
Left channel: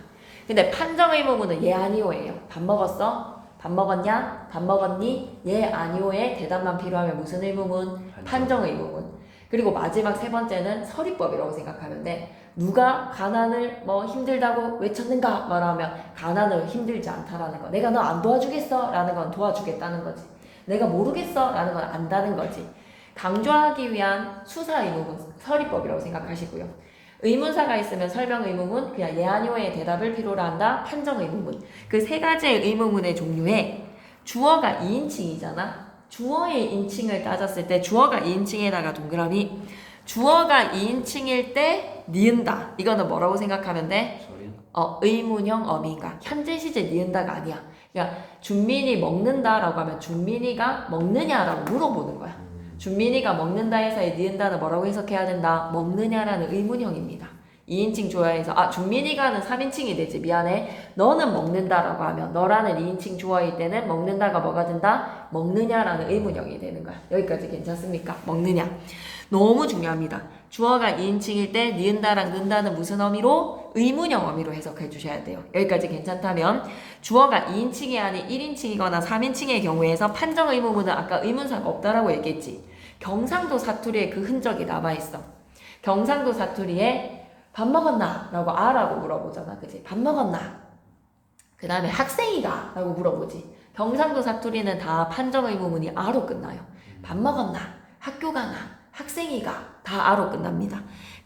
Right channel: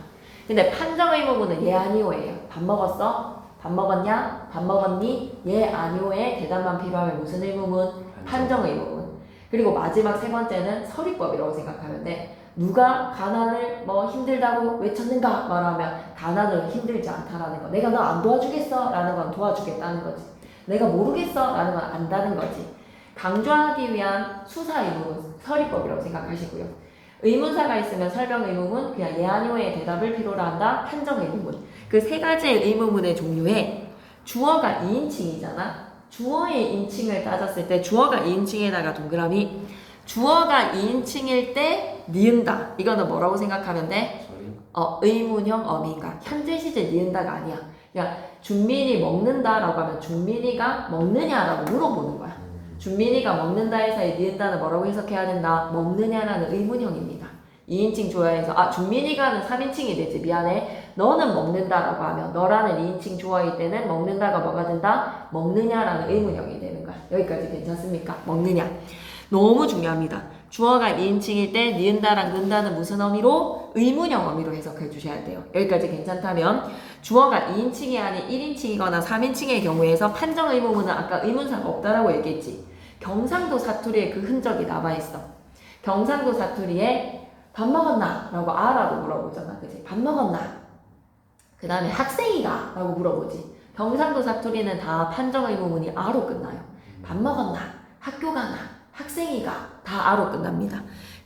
근데 판정 의문문은 예 아니오예요. 밥 먹었어? 밥 먹었냐? 밥 먹었니? 예 아니오의 대답만 필요하면 무슨 의문문? 판정 의문문. 그리고 마지막 세 번째는 서리법이라고 생각하면 돼. 누가 가난을 뭐 힘들다고 외쳤는가 말하면 가난을 힘들지 않다라는 거. 내가 너 안 도와주겠어? 라는 건 도와주겠다는 거지. 내가 모르겠어? 라는 건 안다는 거지. 강조하기 위한 수사 의문문, 서리법이라고 생각하시고요. 의문사가 있으면 설명 의문문, 그냥 예 아니오의 대답을 필요로 한다. 판정 의문문. 그 세 가지의 의문문의 종류에 주어가 2인칭이잖아. 주어의 인칭을 따졌을 때 주어가 2인칭에다가 동그라미 주어가 2인칭일 때 니은다. 이거는 뭐라고 생각하면 돼? 의문형 어미인가. 현재 시제 니은다가 아니야. 그러니까 준민이 먹는다라고 하면 준민이가 먹느냐라고 물어보는 거야. 준민이가 먹는다 해서의 니은다는 뭐라고 해석해야 된다? 먹느냐라는 의문형입니다. 2인칭 조어에서 준민이가는 3인칭이 되지. 미안해. 너는 먹는다라고 하면 너라는 2인칭 조어일 때는 먹는다가 뭐가 된다? 먹느냐라는 의문형이 되는 거야. 여기까지 괜찮습니까? 먹느냐. 너무 중요합니다. 주어가 2인칭일 때 니은다랑 는다는 무슨 어미로? 의문형 어미로 해석해 주셔야 돼요. 여기까지 괜찮다면 주어가 2인칭이 아닌 1인칭이거나 3인칭의 경우에서 판정 의문문은 아까 의문사가 없다라고 얘기했지. 경상도 사투리에 그 흔적이 남아있어. 경상도 사투리에 밥 먹었나? 라고 아라고 물어보잖아. 그치? 밥 먹었나? 그 다음에 학생이가? 라고 물어보지. 경상도 사투리는 다 판정 의문문이 아로 끝나요. 밥 먹었나? 학교 가나? 학생이가? 다 아로 끝납니다.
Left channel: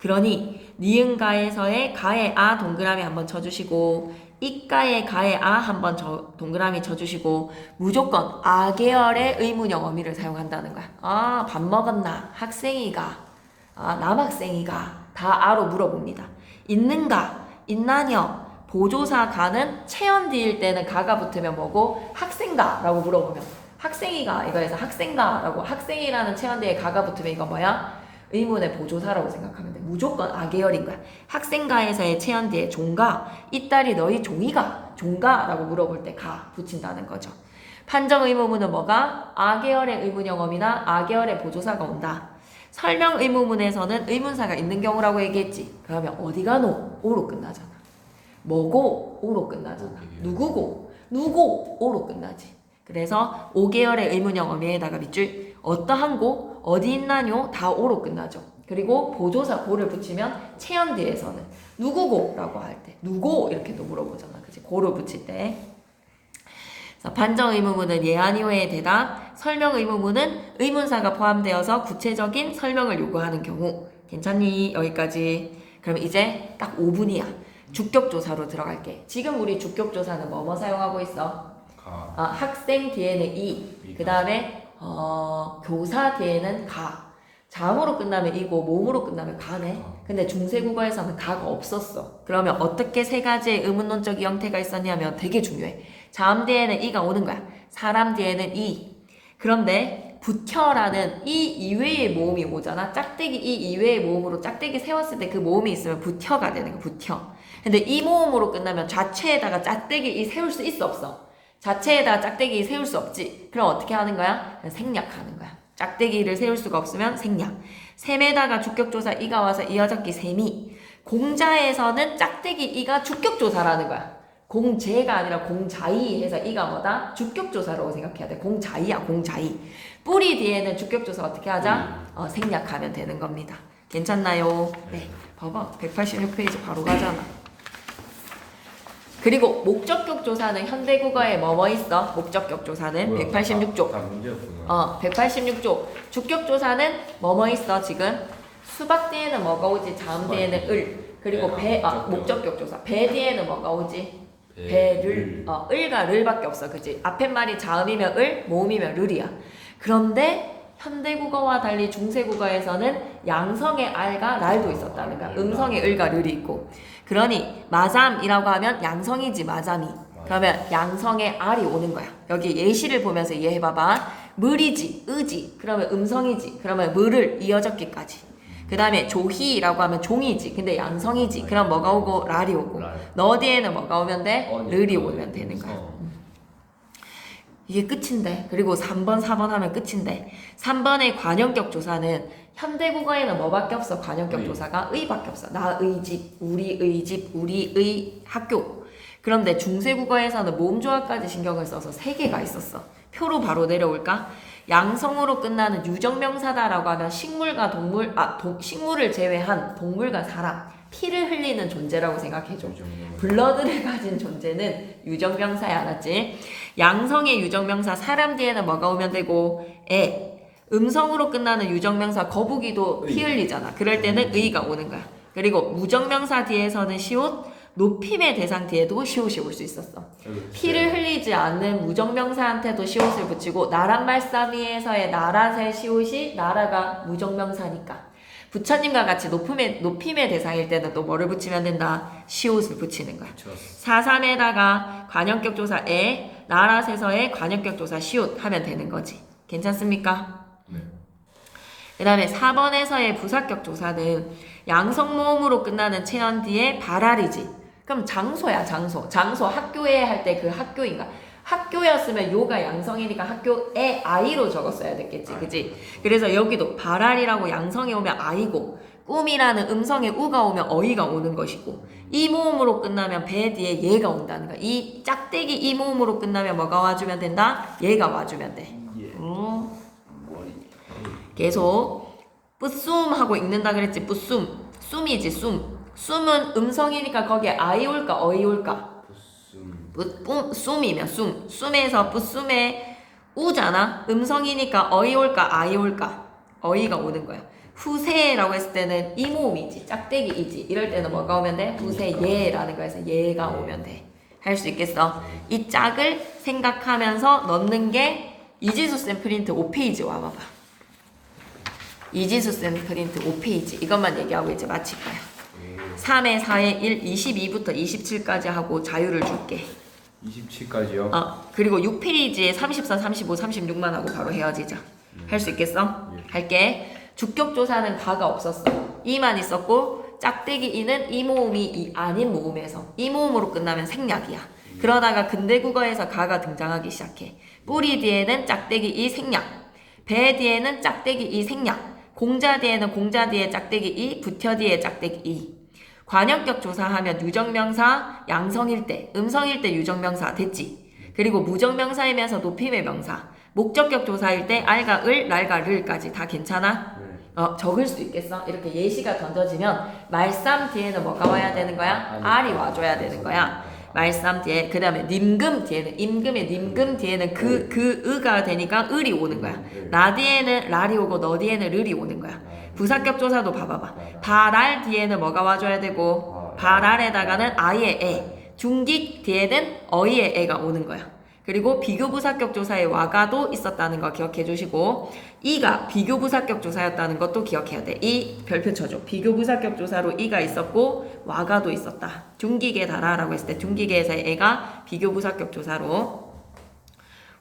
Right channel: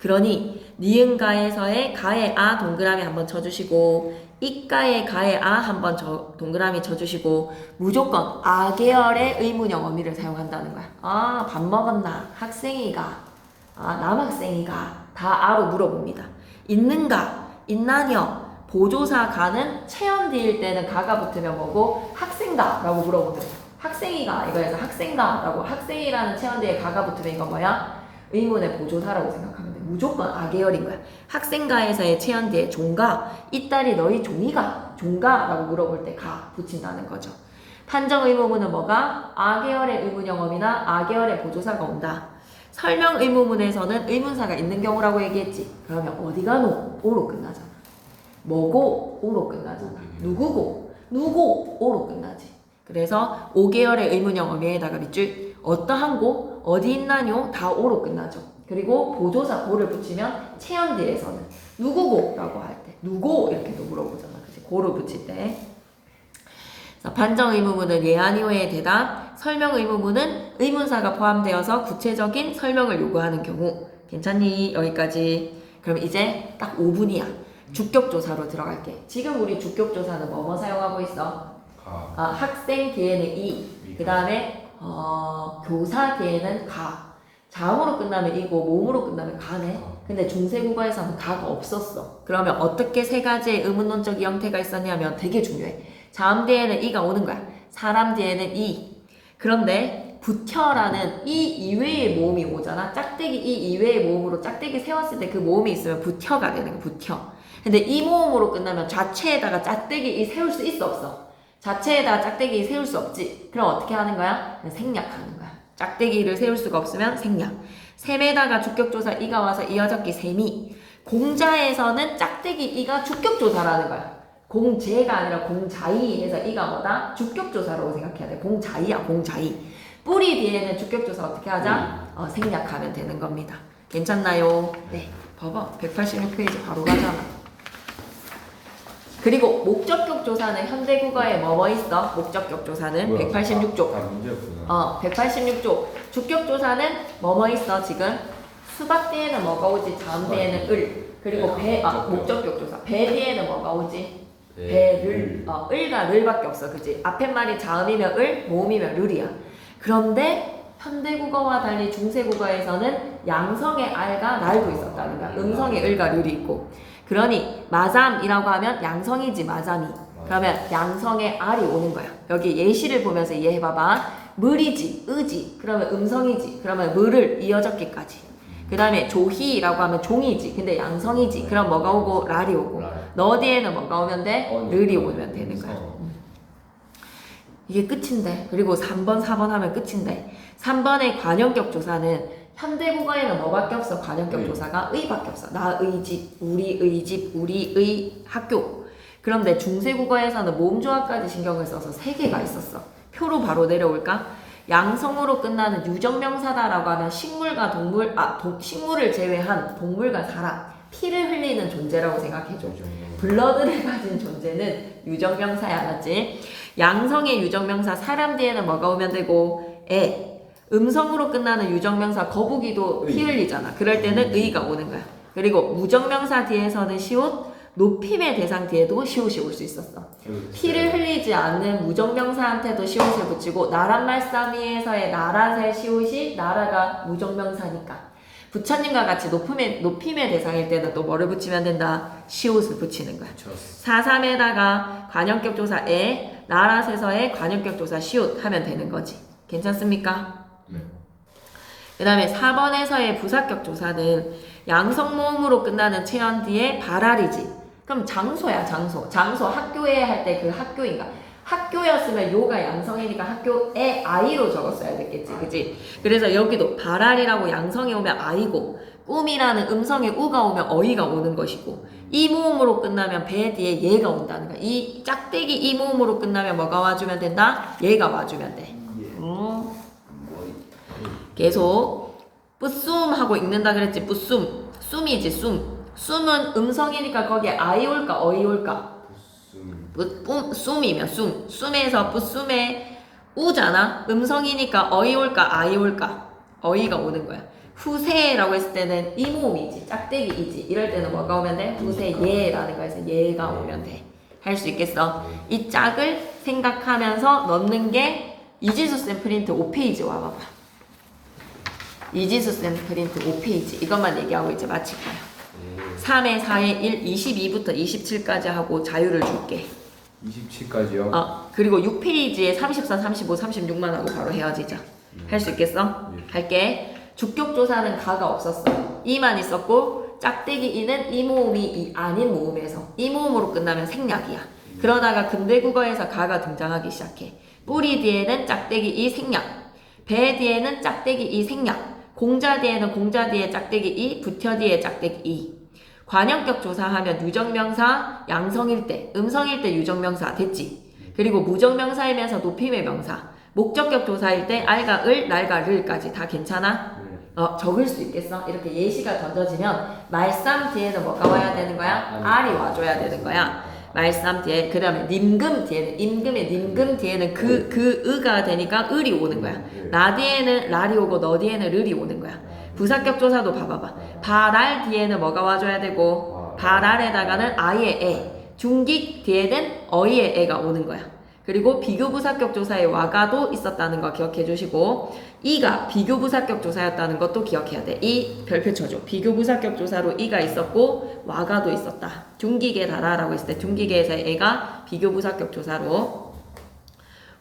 그러니 니은가에서의 가의 아 동그라미 한번 쳐주시고 이가의 가의 아 한번 동그라미 쳐주시고 무조건 아 계열의 의문형 어미를 사용한다는 거야. 밥 먹었나? 학생이가? 남학생이가? 다 아로 물어봅니다. 있는가? 있나녀? 보조사 가는 체언 뒤일 때는 가가 붙으면 뭐고? 학생가? 라고 물어보면 학생이가 이거에서 학생가? 라고 학생이라는 체언 뒤에 가가 붙으면 이거 뭐야? 의문의 보조사라고 생각하면 돼. 무조건 아계열인 거야. 학생가에서의 체언 뒤에 종가? 이 딸이 너희 종이가? 종가? 라고 물어볼 때 가 붙인다는 거죠. 판정 의문문은 뭐가? 아계열의 의문형 어미나 아계열의 보조사가 온다. 설명 의문문에서는 의문사가 있는 경우라고 얘기했지. 그러면 어디가 노? 오로 끝나잖아. 뭐고? 오로 끝나잖아. 누구고? 누구? 오로 끝나지. 그래서 5계열의 의문형 어미에다가 밑줄 어떠한 고? 어디 있나뇨? 다 오로 끝나죠. 그리고 보조사 고를 붙이면 체언 뒤에서는 누구고? 라고 할 때 누구? 이렇게도 물어보잖아. 그치? 고를 붙일 때. 판정 의문문은 예 아니오의 대답, 설명 의문문은 의문사가 포함되어서 구체적인 설명을 요구하는 경우. 괜찮니? 여기까지. 그럼 이제 딱 5분이야. 주격조사로 들어갈게. 지금 우리 주격조사는 뭐뭐 사용하고 있어? 학생 뒤에는 이, 그 다음에 교사 뒤에는 가. 자음으로 끝나면 이고 몸으로 끝나면 가네. 근데 중세국어에서는 가가 없었어. 그러면 어떻게 세 가지의 의문론적 형태가 있었냐면 되게 중요해. 자음 뒤에는 이가 오는 거야. 사람 뒤에는 이. 그런데 부텨라는 이 이외의 모음이 오잖아. 짝대기 이 이외의 모음으로 짝대기 세웠을 때 그 모음이 있으면 부텨가 되는 거야. 부텨. 근데 이 모음으로 끝나면 자체에다가 짝대기 이 세울 수 있어 없어? 자체에다가 짝대기 세울 수 없지. 그럼 어떻게 하는 거야? 생략하는 거야. 짝대기를 세울 수가 없으면 생략. 셈에다가 주격조사 이가 와서 이어적기 셈이. 공자에서는 짝대기 이가 주격조사라는 거야. 공제가 아니라 공자이 해서 이가 뭐다? 주격조사라고 생각해야 돼. 공자이야, 공자이. 뿌리 뒤에는 주격조사 어떻게 하자? 생략하면 되는 겁니다. 괜찮나요? 네. 봐봐. 186페이지 바로 가잖아. 그리고 목적격 조사는 현대국어에 뭐뭐 있어? 목적격 조사는 186조. 문제였구나. 186조. 주격 조사는 뭐뭐 있어 지금? 수박 뒤에는 뭐가 오지? 자음 뒤에는 을. 그리고 목적격 조사. 배 뒤에는 뭐가 오지? 배를. 을과 를밖에 없어, 그지? 앞에 말이 자음이면 을, 모음이면 를이야. 그런데 현대국어와 달리 중세국어에서는 양성의 알과 랄도 있었다는 거야. 음성의 을과 를이 있고. 그러니 마잠이라고 하면 양성이지 마잠이. 그러면 양성의 알이 오는 거야. 여기 예시를 보면서 이해해봐봐. 물이지, 의지. 그러면 음성이지. 그러면 물을 이어적기까지. 그 다음에 조희라고 하면 종이지. 근데 양성이지. 그럼 뭐가 오고 랄이 오고. 너 뒤에는 뭐가 오면 돼? 를이 오면 되는 거야. 이게 끝인데. 그리고 3번, 4번 하면 끝인데. 3번의 관형격 조사는 현대국어에는 뭐밖에 없어? 관형격 조사가 의밖에 없어. 나의 집, 우리의 집, 우리의 학교. 그런데 중세국어에서는 모음조합까지 신경을 써서 3개가 있었어. 표로 바로 내려올까? 양성으로 끝나는 유정명사다라고 하면 식물과 동물, 식물을 제외한 동물과 사람, 피를 흘리는 존재라고 생각해줘. 블러드를 가진 존재는 유정명사야, 맞지? 양성의 유정명사 사람 뒤에는 뭐가 오면 되고 애. 음성으로 끝나는 유정명사 거북이도 피 흘리잖아. 그럴 때는 의가 오는 거야. 그리고 무정명사 뒤에서는 시옷, 높임의 대상 뒤에도 시옷이 올 수 있었어. 피를 흘리지 않는 무정명사한테도 시옷을 붙이고 나란 말싸미에서의 나란의 시옷이 나라가 무정명사니까 부처님과 같이 높임의 대상일 때는 또 뭐를 붙이면 된다? 시옷을 붙이는 거야. 4.3에다가 관형격 조사 에, 나라세서의 관형격 조사 시옷 하면 되는 거지. 괜찮습니까? 그 다음에 4번에서의 부사격 조사는 양성모음으로 끝나는 체언 뒤에 발알이지. 그럼 장소야, 장소. 장소 학교에 할 때 그 학교인가? 학교였으면 요가 양성이니까 학교에 아이로 적었어야 됐겠지, 그지? 그래서 여기도 발알이라고 양성이 오면 아이고, 꿈이라는 음성에 우가 오면 어이가 오는 것이고, 이 모음으로 끝나면 배 뒤에 얘가 온다는 거야. 이 짝대기 이 모음으로 끝나면 뭐가 와주면 된다? 얘가 와주면 돼. 계속 뿌숨 하고 읽는다 그랬지. 뿌숨, 숨이지 숨. 숨은 음성이니까 거기에 아이 올까 어이 올까? 숨이면 숨. 숨에서 뿌숨에 우잖아. 음성이니까 어이 올까 아이 올까? 어이가 오는 거야. 후세라고 했을 때는 이 모음이지, 짝대기이지. 이럴 때는 뭐가 오면 돼? 후세예라는 거에서 얘가 오면 돼. 할 수 있겠어? 이 짝을 생각하면서 넣는 게 이지수 쌤 프린트 5페이지 와봐봐. 이지수 쌤 프린트 5페이지 이것만 얘기하고 이제 마칠 거야. 3에 4에 1, 22부터 27까지 하고 자유를 줄게. 27까지요? 그리고 6페이지에 34, 35, 36만 하고 바로 헤어지자. 할 수 있겠어? 할게. 주격조사는 가가 없었어. 이만 있었고 짝대기 이는 이 모음이 이 아닌 모음에서 이 모음으로 끝나면 생략이야. 그러다가 근대국어에서 가가 등장하기 시작해. 뿌리 뒤에는 짝대기 이 생략, 배 뒤에는 짝대기 이 생략, 공자 뒤에는 공자 뒤에 짝대기 이, 부처 뒤에 짝대기 이. 관형격 조사하면 유정명사, 양성일 때, 음성일 때 유정명사 됐지. 그리고 무정명사이면서 높임의 명사, 목적격 조사일 때 알과 을, 날과 르까지 다 괜찮아? 적을 수 있겠어? 이렇게 예시가 던져지면 말쌈 뒤에는 뭐가 와야 되는 거야? 알이 와줘야 되는 거야. 말쌈 뒤에, 그 다음에 님금 뒤에는, 임금의 님금 뒤에는 그 의가 되니까 을이 오는 거야. 나 뒤에는 랄이 오고 너 뒤에는 르이 오는 거야. 부사격 조사도 봐봐봐. 발알 뒤에는 뭐가 와줘야 되고, 발알에다가는 아이의 애, 중기 뒤에는 어이의 애가 오는 거야. 그리고 비교부사격 조사에 와가도 있었다는 거 기억해 주시고, 이가 비교부사격 조사였다는 것도 기억해야 돼. 이 별표 쳐줘. 비교부사격 조사로 이가 있었고 와가도 있었다. 중기계 달아라고 했을 때 중기계에서의 애가 비교부사격 조사로.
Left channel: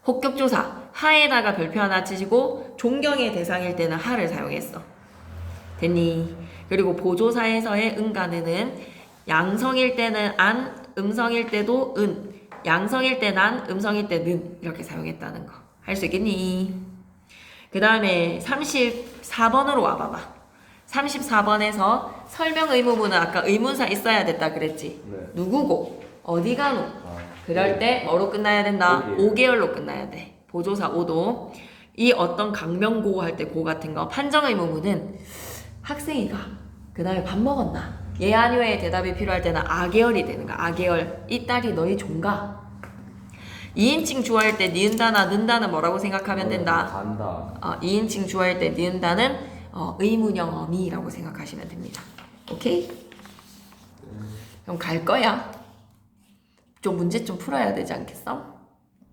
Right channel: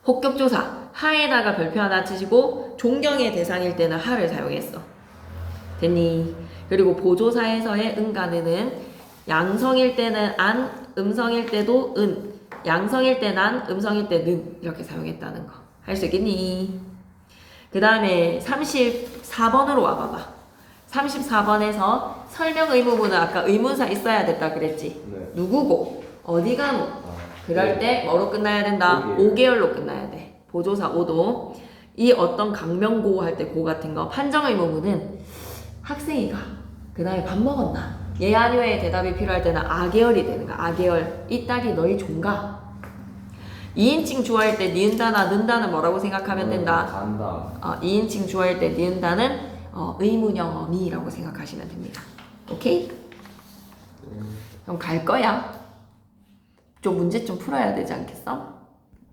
혹격 조사 하에다가 별표 하나 치시고 존경의 대상일 때는 하를 사용했어. 됐니? 그리고 보조사에서의 은가는 양성일 때는 안, 음성일 때도 은, 양성일 때 난, 음성일 때 는 이렇게 사용했다는 거. 할 수 있겠니? 그 다음에 34번으로 와봐봐. 34번에서 설명 의무문은 아까 의문사 있어야 됐다 그랬지? 네. 누구고? 어디 가노? 그럴 때 뭐로 끝나야 된다? 5개월로 끝나야 돼. 보조사 5도. 이 어떤 강명고 할 때 고 같은 거. 판정 의무문은 학생이가 그 다음에 밥 먹었나? 예 아니오의 대답이 필요할 때는 아계열이 되는 거야. 아계열. 이 딸이 너희 종가? 2인칭 주어할 때 니은다나 는다는 뭐라고 생각하면 된다? 간다. 2인칭 주어할 때 니은다는 의문형어니라고 생각하시면 됩니다. 오케이? 그럼 갈 거야. 좀 문제 좀 풀어야 되지 않겠어?